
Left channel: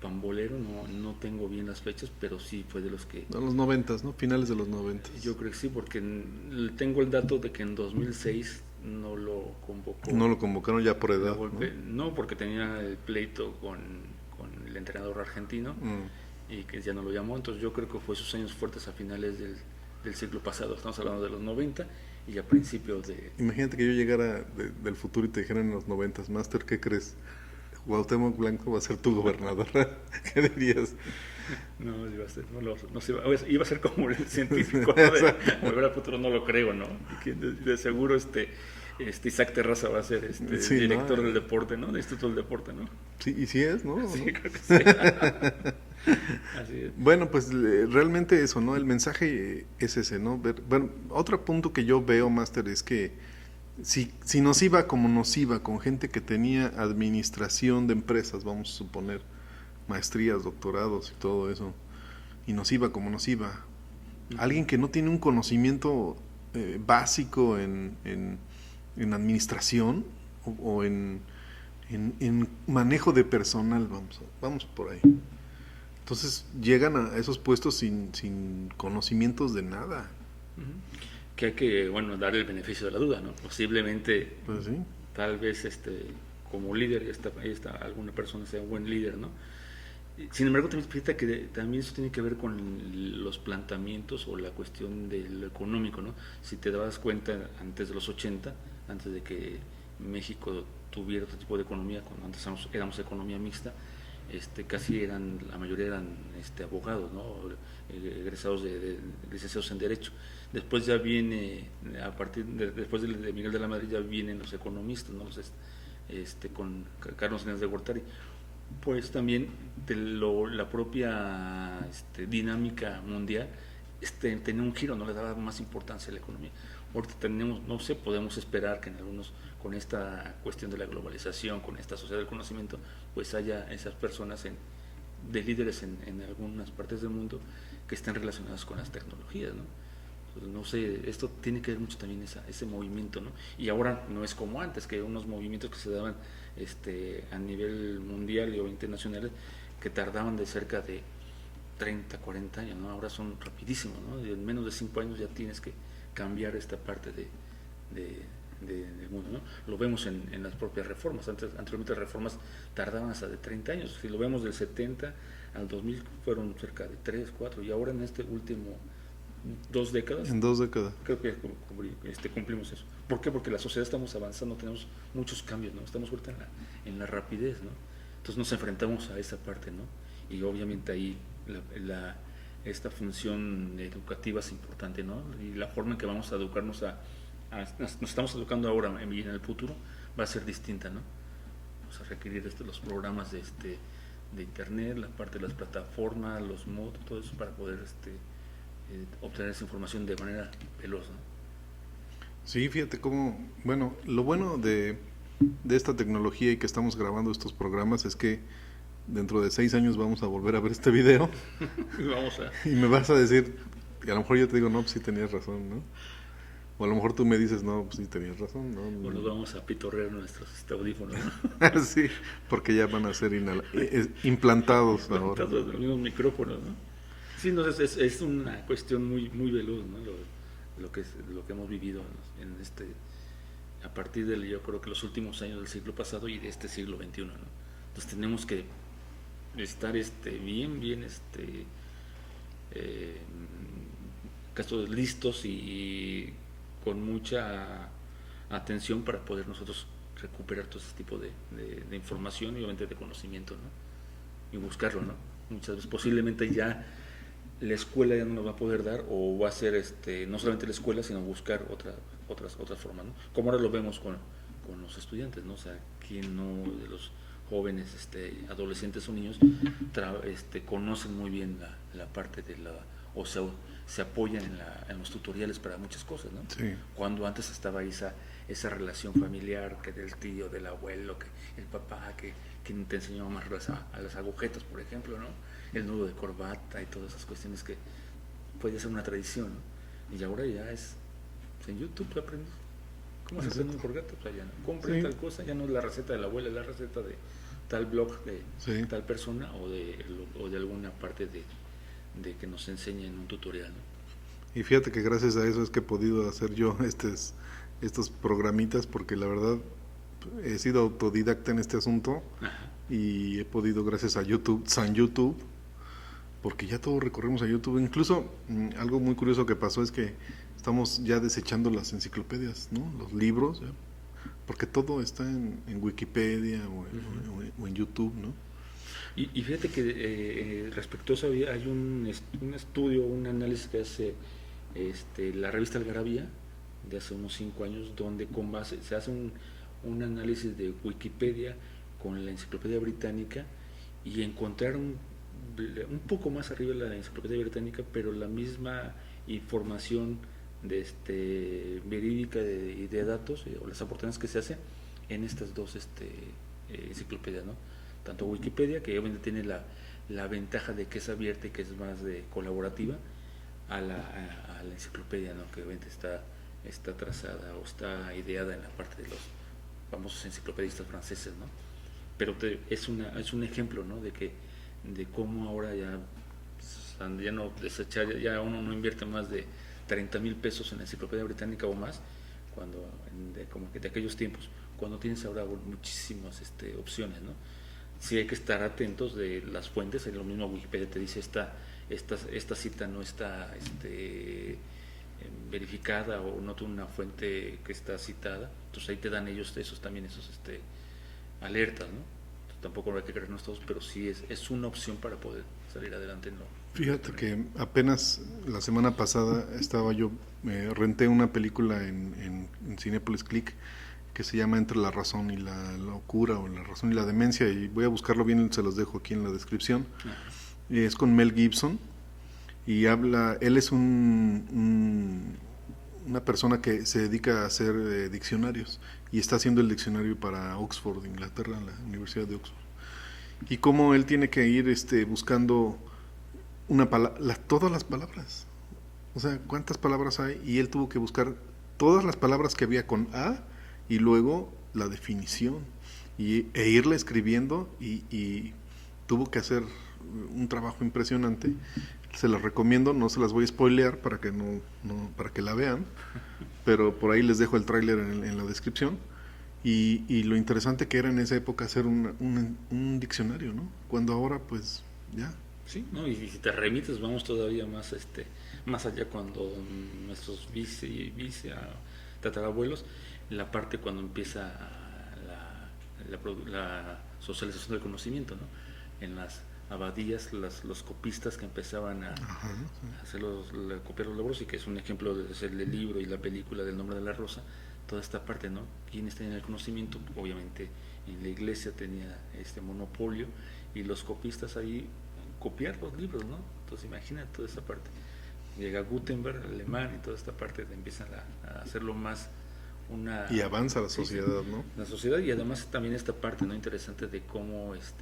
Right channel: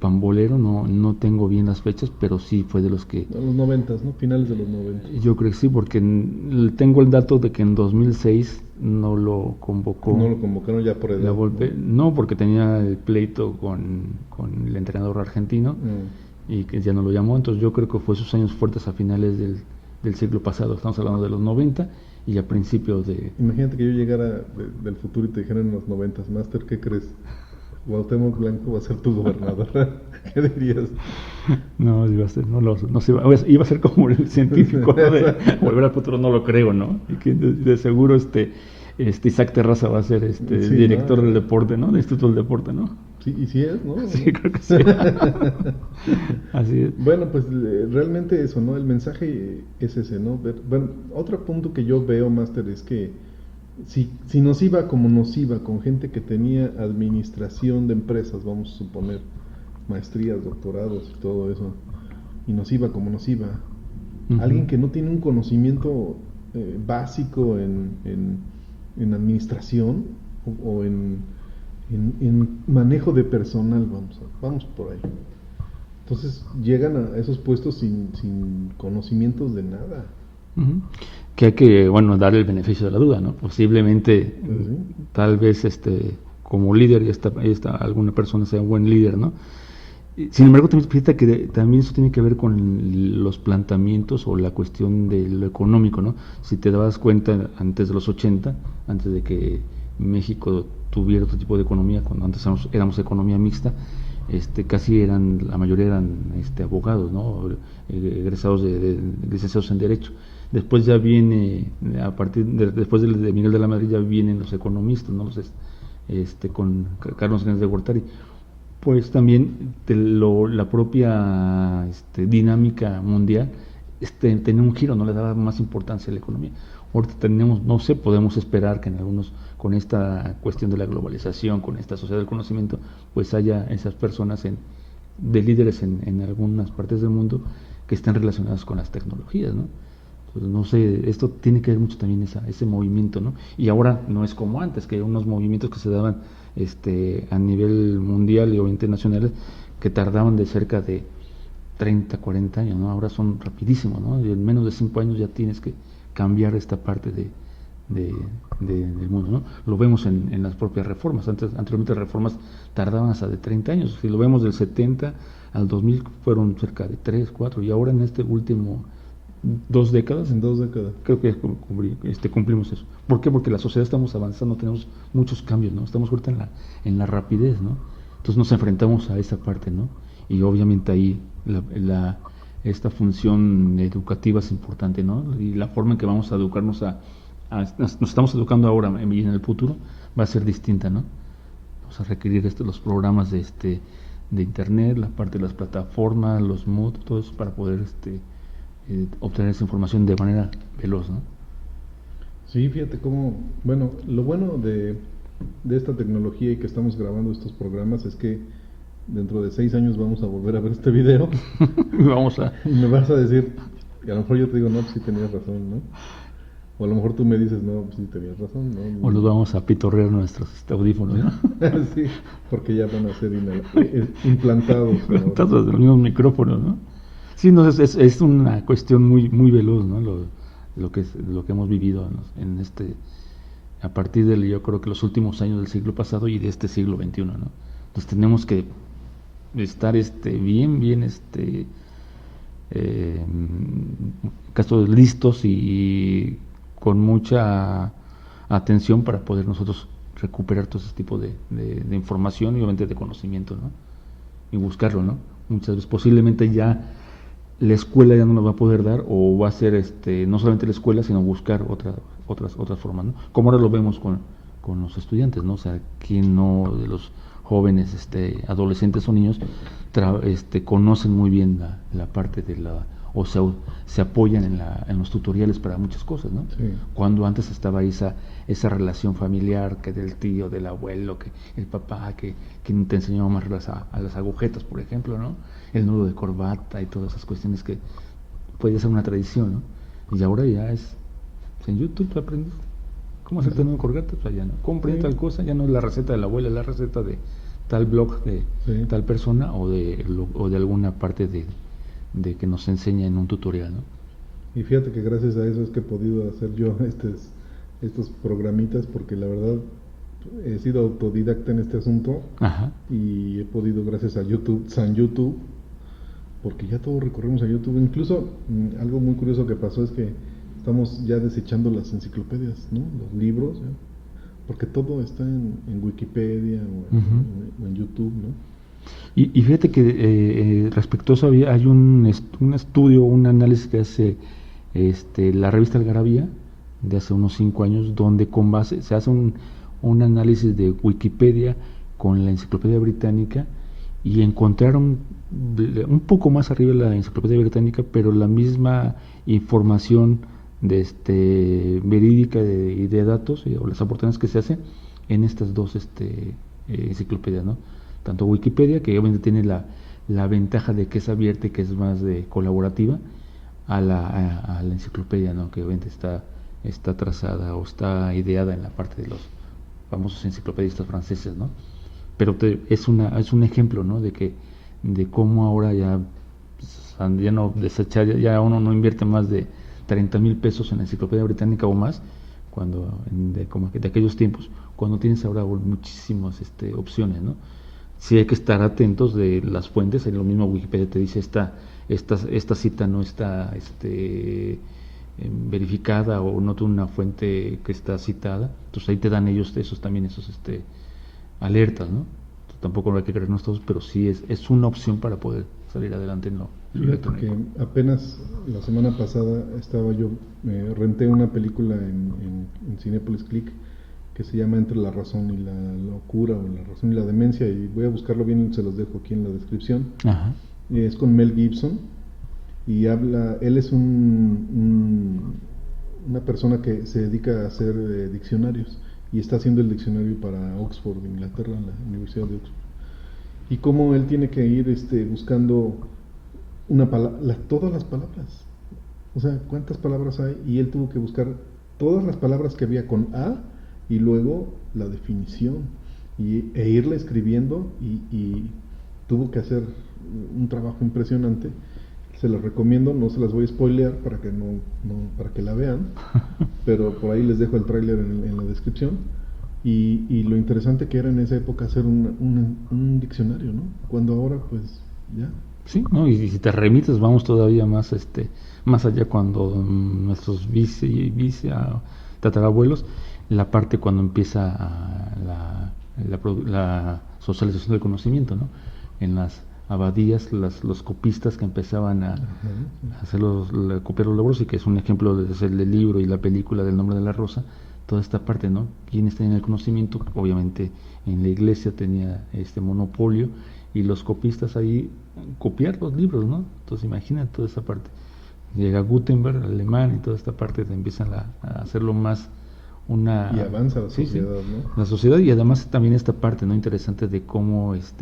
pambolero, no tengo bien las fechas, pero sí fue de los que... En los 90, ¿no? Finales de los 90. Yo creo que sí, porque tengo el dato de que en 2006 no lo convocó. No lo convocaron ya por edad. No, porque tenía el pleito con el entrenador argentino y que ya no lo llamó. Entonces yo creo que fue sus años fuertes a finales del siglo pasado. Estamos hablando de los 90 y a principios de... Imagínate que yo llegara del futuro y te dijeran en los 90, Master, ¿qué crees? Cuauhtémoc Blanco va a ser tu gobernador. ¿Qué dirías? No, iba a ser, iba a ser como el científico, ¿no? De Volver al Futuro, no lo creo, ¿no? Y que de seguro Isaac Terraza va a ser sí, director del deporte, ¿no? Del Instituto del Deporte, ¿no? Sí, y sí es, ¿no? Sí, creo que sí. Así es. Bueno, pues realmente eso, ¿no? El mensaje es ese, ¿no? Bueno, otro punto que yo veo, Master, es que si nos iba como nos iba, con gente que tenía administración de empresas, vamos a suponer, maestrías, doctorados y todo eso, y nos iba como nos iba, alguien que no tiene un conocimiento básico en administración o en manejo de personal, vamos por ahí. Entonces llegan a esos puestos sin conocimientos de nada. Que hay que, dar el beneficio de la duda, ¿no? Posiblemente, Pues sí. tal vez como líder, alguna persona sea un buen líder, ¿no? Sin embargo, también fíjate que también eso tiene que ver con los planteamientos o la cuestión de lo económico, ¿no? Si te dabas cuenta, antes de los 80, antes de que México tuviera otro tipo de economía, cuando antes éramos economía mixta, casi la mayoría eran abogados, ¿no? Egresados de licenciados en Derecho. Después ya viene, después de Miguel de la Madrid, ya vienen los economistas, ¿no? Con Carlos Salinas de Gortari. Pues también la propia dinámica mundial tenía un giro, no le daba más importancia a la economía. Ahorita tenemos, no sé, podemos esperar que en algunos, con esta cuestión de la globalización, con esta sociedad del conocimiento, pues haya esas personas de líderes en algunas partes del mundo que estén relacionadas con las tecnologías, ¿no? Pues no sé, esto tiene que ver mucho también ese movimiento, ¿no? Y ahora no es como antes, que unos movimientos que se daban a nivel mundial o internacional que tardaban de cerca de 30, 40 años, ¿no? Ahora son rapidísimos, ¿no? Y en menos de 5 años ya tienes que cambiar esta parte del mundo, ¿no? Lo vemos en las propias reformas. Anteriormente las reformas tardaban hasta de 30 años. Si lo vemos del 70 al 2000 fueron cerca de 3, 4, y ahora en este último 2 décadas. En 2 décadas. Creo que cumplimos eso. ¿Por qué? Porque la sociedad estamos avanzando, tenemos muchos cambios, ¿no? Estamos ahorita en la rapidez, ¿no? Entonces nos enfrentamos a esa parte, ¿no? Y obviamente ahí esta función educativa es importante, ¿no? Y la forma en que vamos a educarnos nos estamos educando ahora y en el futuro va a ser distinta, ¿no? Vamos a requerir los programas de internet, la parte de las plataformas, los Mood, todo eso para poder obtener esa información de manera veloz, ¿no? Sí, fíjate cómo, bueno, lo bueno de esta tecnología y que estamos grabando estos programas es que dentro de 6 años vamos a volver a ver este video y me vas a decir, y a lo mejor yo te digo, no, pues sí tenías razón, ¿no? O a lo mejor tú me dices, no, pues sí tenías razón, ¿no? O nos vamos a pitorrear nuestros audífonos, ¿no? Sí, porque ya van a ser implantados ahora. Implantados de los mismos micrófonos, ¿no? Sí, no, es una cuestión muy, muy veloz, ¿no? Lo que hemos vivido a partir yo creo que los últimos años del siglo pasado y de este siglo XXI, ¿no? Entonces tenemos que estar bien listos y con mucha atención para poder nosotros recuperar todo ese tipo de información y obviamente de conocimiento, ¿no? Y buscarlo, ¿no? Muchas veces posiblemente ya la escuela ya no lo va a poder dar, o va a ser no solamente la escuela, sino buscar otras formas, ¿no? Como ahora lo vemos con los estudiantes, ¿no? O sea, ¿quién no de los jóvenes, adolescentes o niños conocen muy bien la parte de o sea, se apoyan en los tutoriales para muchas cosas, ¿no? Sí. Cuando antes estaba esa relación familiar, que del tío, del abuelo, que el papá, que te enseñaba más a las agujetas, por ejemplo, ¿no? El nudo de corbata y todas esas cuestiones que puede ser una tradición, ¿no? Y ahora ya es en YouTube aprendes cómo hacer el nudo de corbata, pues ya no compré tal cosa, ya no es la receta del abuelo, es la receta de tal blog de tal persona o de alguna parte de que nos enseña en un tutorial, ¿no? Y fíjate que gracias a eso es que he podido hacer yo estos programitas, porque la verdad he sido autodidacta en este asunto. Ajá. Y he podido, gracias a YouTube, San YouTube, porque ya todos recorremos a YouTube. Incluso algo muy curioso que pasó es que estamos ya desechando las enciclopedias, ¿no? Los libros, ¿ya? Porque todo está en Wikipedia o en YouTube, ¿no? Y fíjate que respecto a eso hay un estudio, un análisis que hace la revista Algarabía de hace unos 5 años, donde con base se hace un análisis de Wikipedia con la Enciclopedia Británica, y encontraron un poco más arriba la Enciclopedia Británica, pero la misma información verídica y de datos, o las aportaciones que se hacen en estas dos enciclopedias, ¿no? Tanto Wikipedia, que obviamente tiene la ventaja de que es abierta y que es más colaborativa, a la enciclopedia, ¿no? Que obviamente está trazada o está ideada en la parte de los famosos enciclopedistas franceses, ¿no? Pero es un ejemplo, ¿no? de cómo ahora ya no desechar, ya uno no invierte más de 30,000 pesos en la Enciclopedia Británica o más, como de aquellos tiempos, cuando tienes ahora muchísimas opciones, ¿no? Sí hay que estar atentos de las fuentes. En lo mismo Wikipedia te dice esta cita no está verificada, o no tiene una fuente que está citada, entonces ahí te dan ellos esos alertas, ¿no? Tampoco hay que creernos todos, pero sí es una opción para poder salir adelante, ¿no? Fíjate que apenas la semana pasada renté una película en Cinépolis Click que se llama Entre la razón y la locura, o La razón y la demencia, y voy a buscarlo bien, se los dejo aquí en la descripción. Ajá. Es con Mel Gibson, y él es una persona que se dedica a hacer diccionarios, y está haciendo el diccionario para Oxford, Inglaterra, la Universidad de Oxford, y cómo él tiene que ir buscando todas las palabras, o sea, cuántas palabras hay, y él tuvo que buscar todas las palabras que había con A, y luego la definición, e irla escribiendo, y tuvo que hacer un trabajo impresionante. Se las recomiendo, no se las voy a spoilear para que para que la vean, pero por ahí les dejo el tráiler en la descripción. Y lo interesante que era en esa época hacer un diccionario, ¿no? Cuando ahora pues ya. Sí, ¿no? Y si te remites, vamos todavía más más allá, cuando nuestros tatarabuelos, la parte cuando empieza la socialización del conocimiento, ¿no? En las abadías, los copistas que empezaban a copiar los libros, y que es un ejemplo del libro y la película del Nombre de la Rosa, toda esta parte, ¿no? Quienes tenían el conocimiento, obviamente en la iglesia tenía este monopolio, y los copistas ahí copiar los libros, ¿no? Entonces imagina toda esa parte. Llega Gutenberg, alemán, y toda esta parte empiezan a hacerlo más y avanza la sociedad, ¿no? La sociedad, y además también esta parte, ¿no? Interesante de cómo es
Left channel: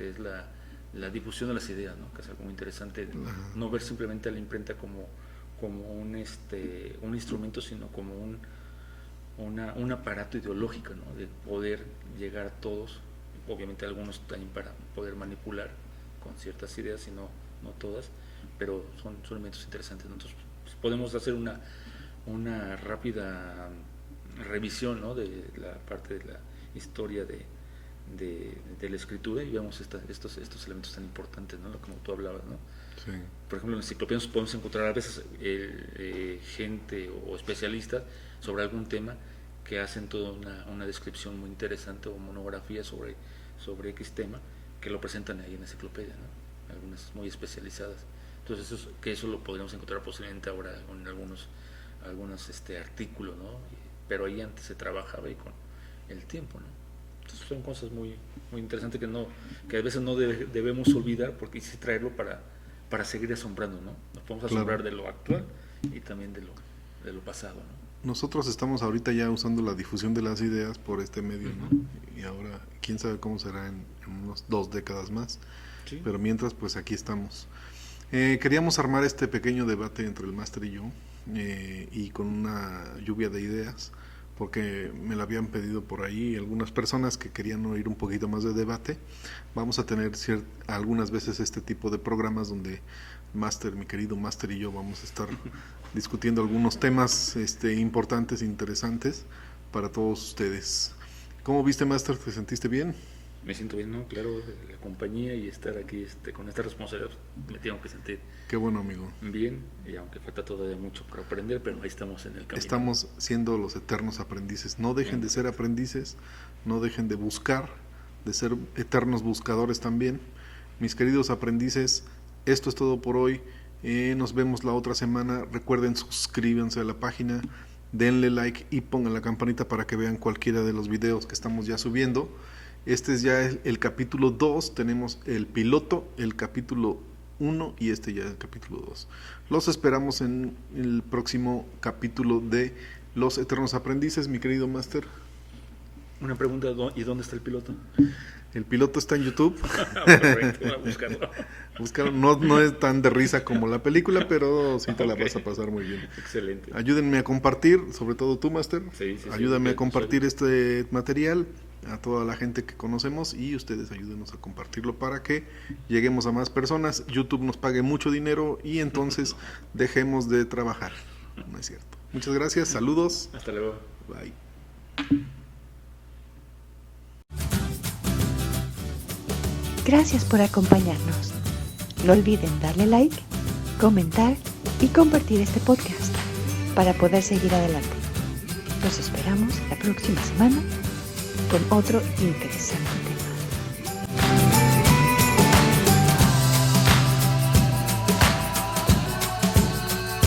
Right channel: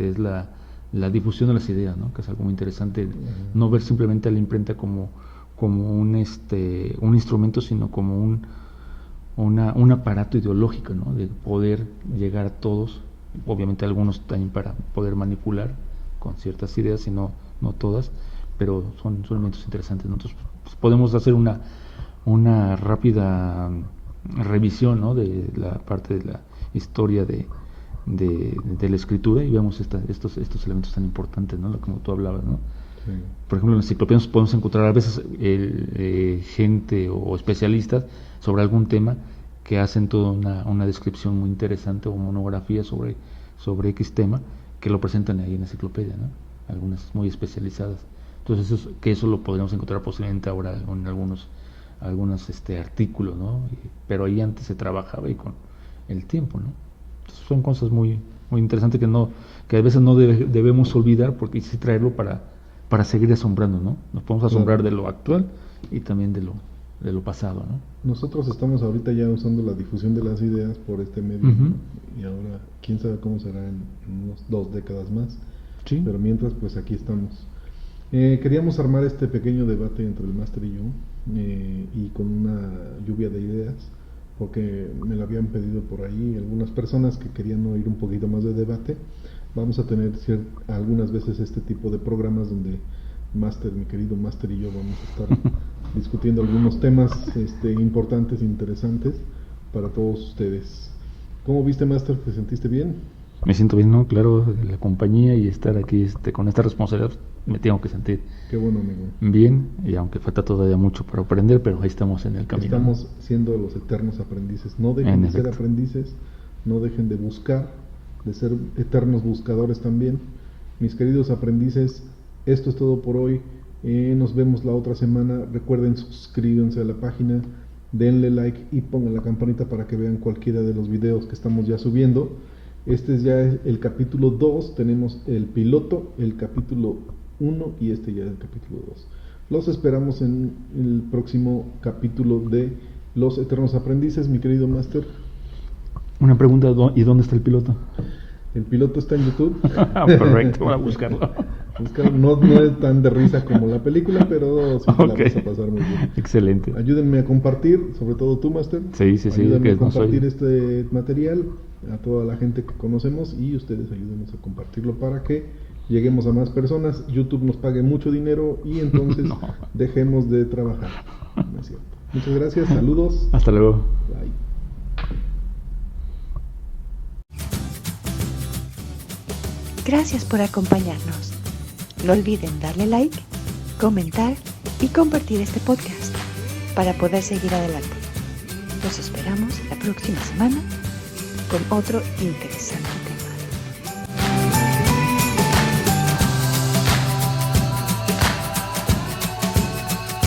la difusión de las ideas, ¿no? Que es algo muy interesante, no ver simplemente a la imprenta como un instrumento, sino como un aparato ideológico, ¿no? De poder llegar a todos, obviamente algunos también para poder manipular con ciertas ideas, y no todas, pero son elementos interesantes. Nosotros podemos hacer una rápida revisión, ¿no? De la parte de la historia de la escritura, y vemos estos elementos tan importantes, ¿no? Como tú hablabas, ¿no? Sí. Por ejemplo, en la enciclopedia podemos encontrar a veces gente o especialistas sobre algún tema, que hacen toda una descripción muy interesante o monografía sobre X tema, que lo presentan ahí en la enciclopedia, ¿no? Algunas muy especializadas. Entonces eso lo podríamos encontrar posiblemente ahora en algunos artículos, ¿no? Pero ahí antes se trabajaba y con el tiempo, ¿no? Entonces son cosas muy, muy interesantes que a veces no debemos olvidar, porque hay que traerlo para seguir asombrando, ¿no? Nos podemos asombrar de lo actual y también de lo pasado, ¿no? Nosotros estamos ahorita ya usando la difusión de las ideas por este medio, ¿no? Y ahora quién sabe cómo será en unos 2 décadas más. Sí. Pero mientras, pues aquí estamos. Queríamos armar este pequeño debate entre el máster y yo, y con una lluvia de ideas, porque me lo habían pedido por ahí algunas personas que querían oír un poquito más de debate. Vamos a tener algunas veces este tipo de programas donde mi querido máster y yo vamos a estar discutiendo algunos temas importantes, interesantes para todos ustedes. ¿Cómo viste, máster? ¿Te sentiste bien? Me siento bien, ¿no? Claro, la compañía y estar aquí con esta responsabilidad, me tengo que sentir. Qué bueno, amigo. Bien, y aunque falta todavía mucho para aprender, pero ahí estamos en el camino. Estamos siendo los eternos aprendices. No dejen de ser aprendices, no dejen de buscar, de ser eternos buscadores también. Mis queridos aprendices, esto es todo por hoy. Nos vemos la otra semana. Recuerden, suscríbanse a la página, denle like y pongan la campanita para que vean cualquiera de los videos que estamos ya subiendo. Este es ya el capítulo 2, tenemos el piloto, el capítulo 1 y ya es el capítulo 2. Los esperamos en el próximo capítulo de Los Eternos Aprendices, mi querido máster. Una pregunta, ¿y dónde está el piloto? El piloto está en YouTube. Perfecto, voy a buscarlo. No es tan de risa como la película, pero sí te la vas a pasar muy bien. Excelente. Ayúdenme a compartir, sobre todo tú, máster. Sí. Ayúdame a compartir este material a toda la gente que conocemos y ustedes ayúdenos a compartirlo para que lleguemos a más personas. YouTube nos pague mucho dinero y entonces dejemos de trabajar. No es cierto. Muchas gracias, saludos. Hasta luego. Bye. Gracias por acompañarnos. No olviden darle like, comentar y compartir este podcast para poder seguir adelante. Los esperamos la próxima semana con otro interesante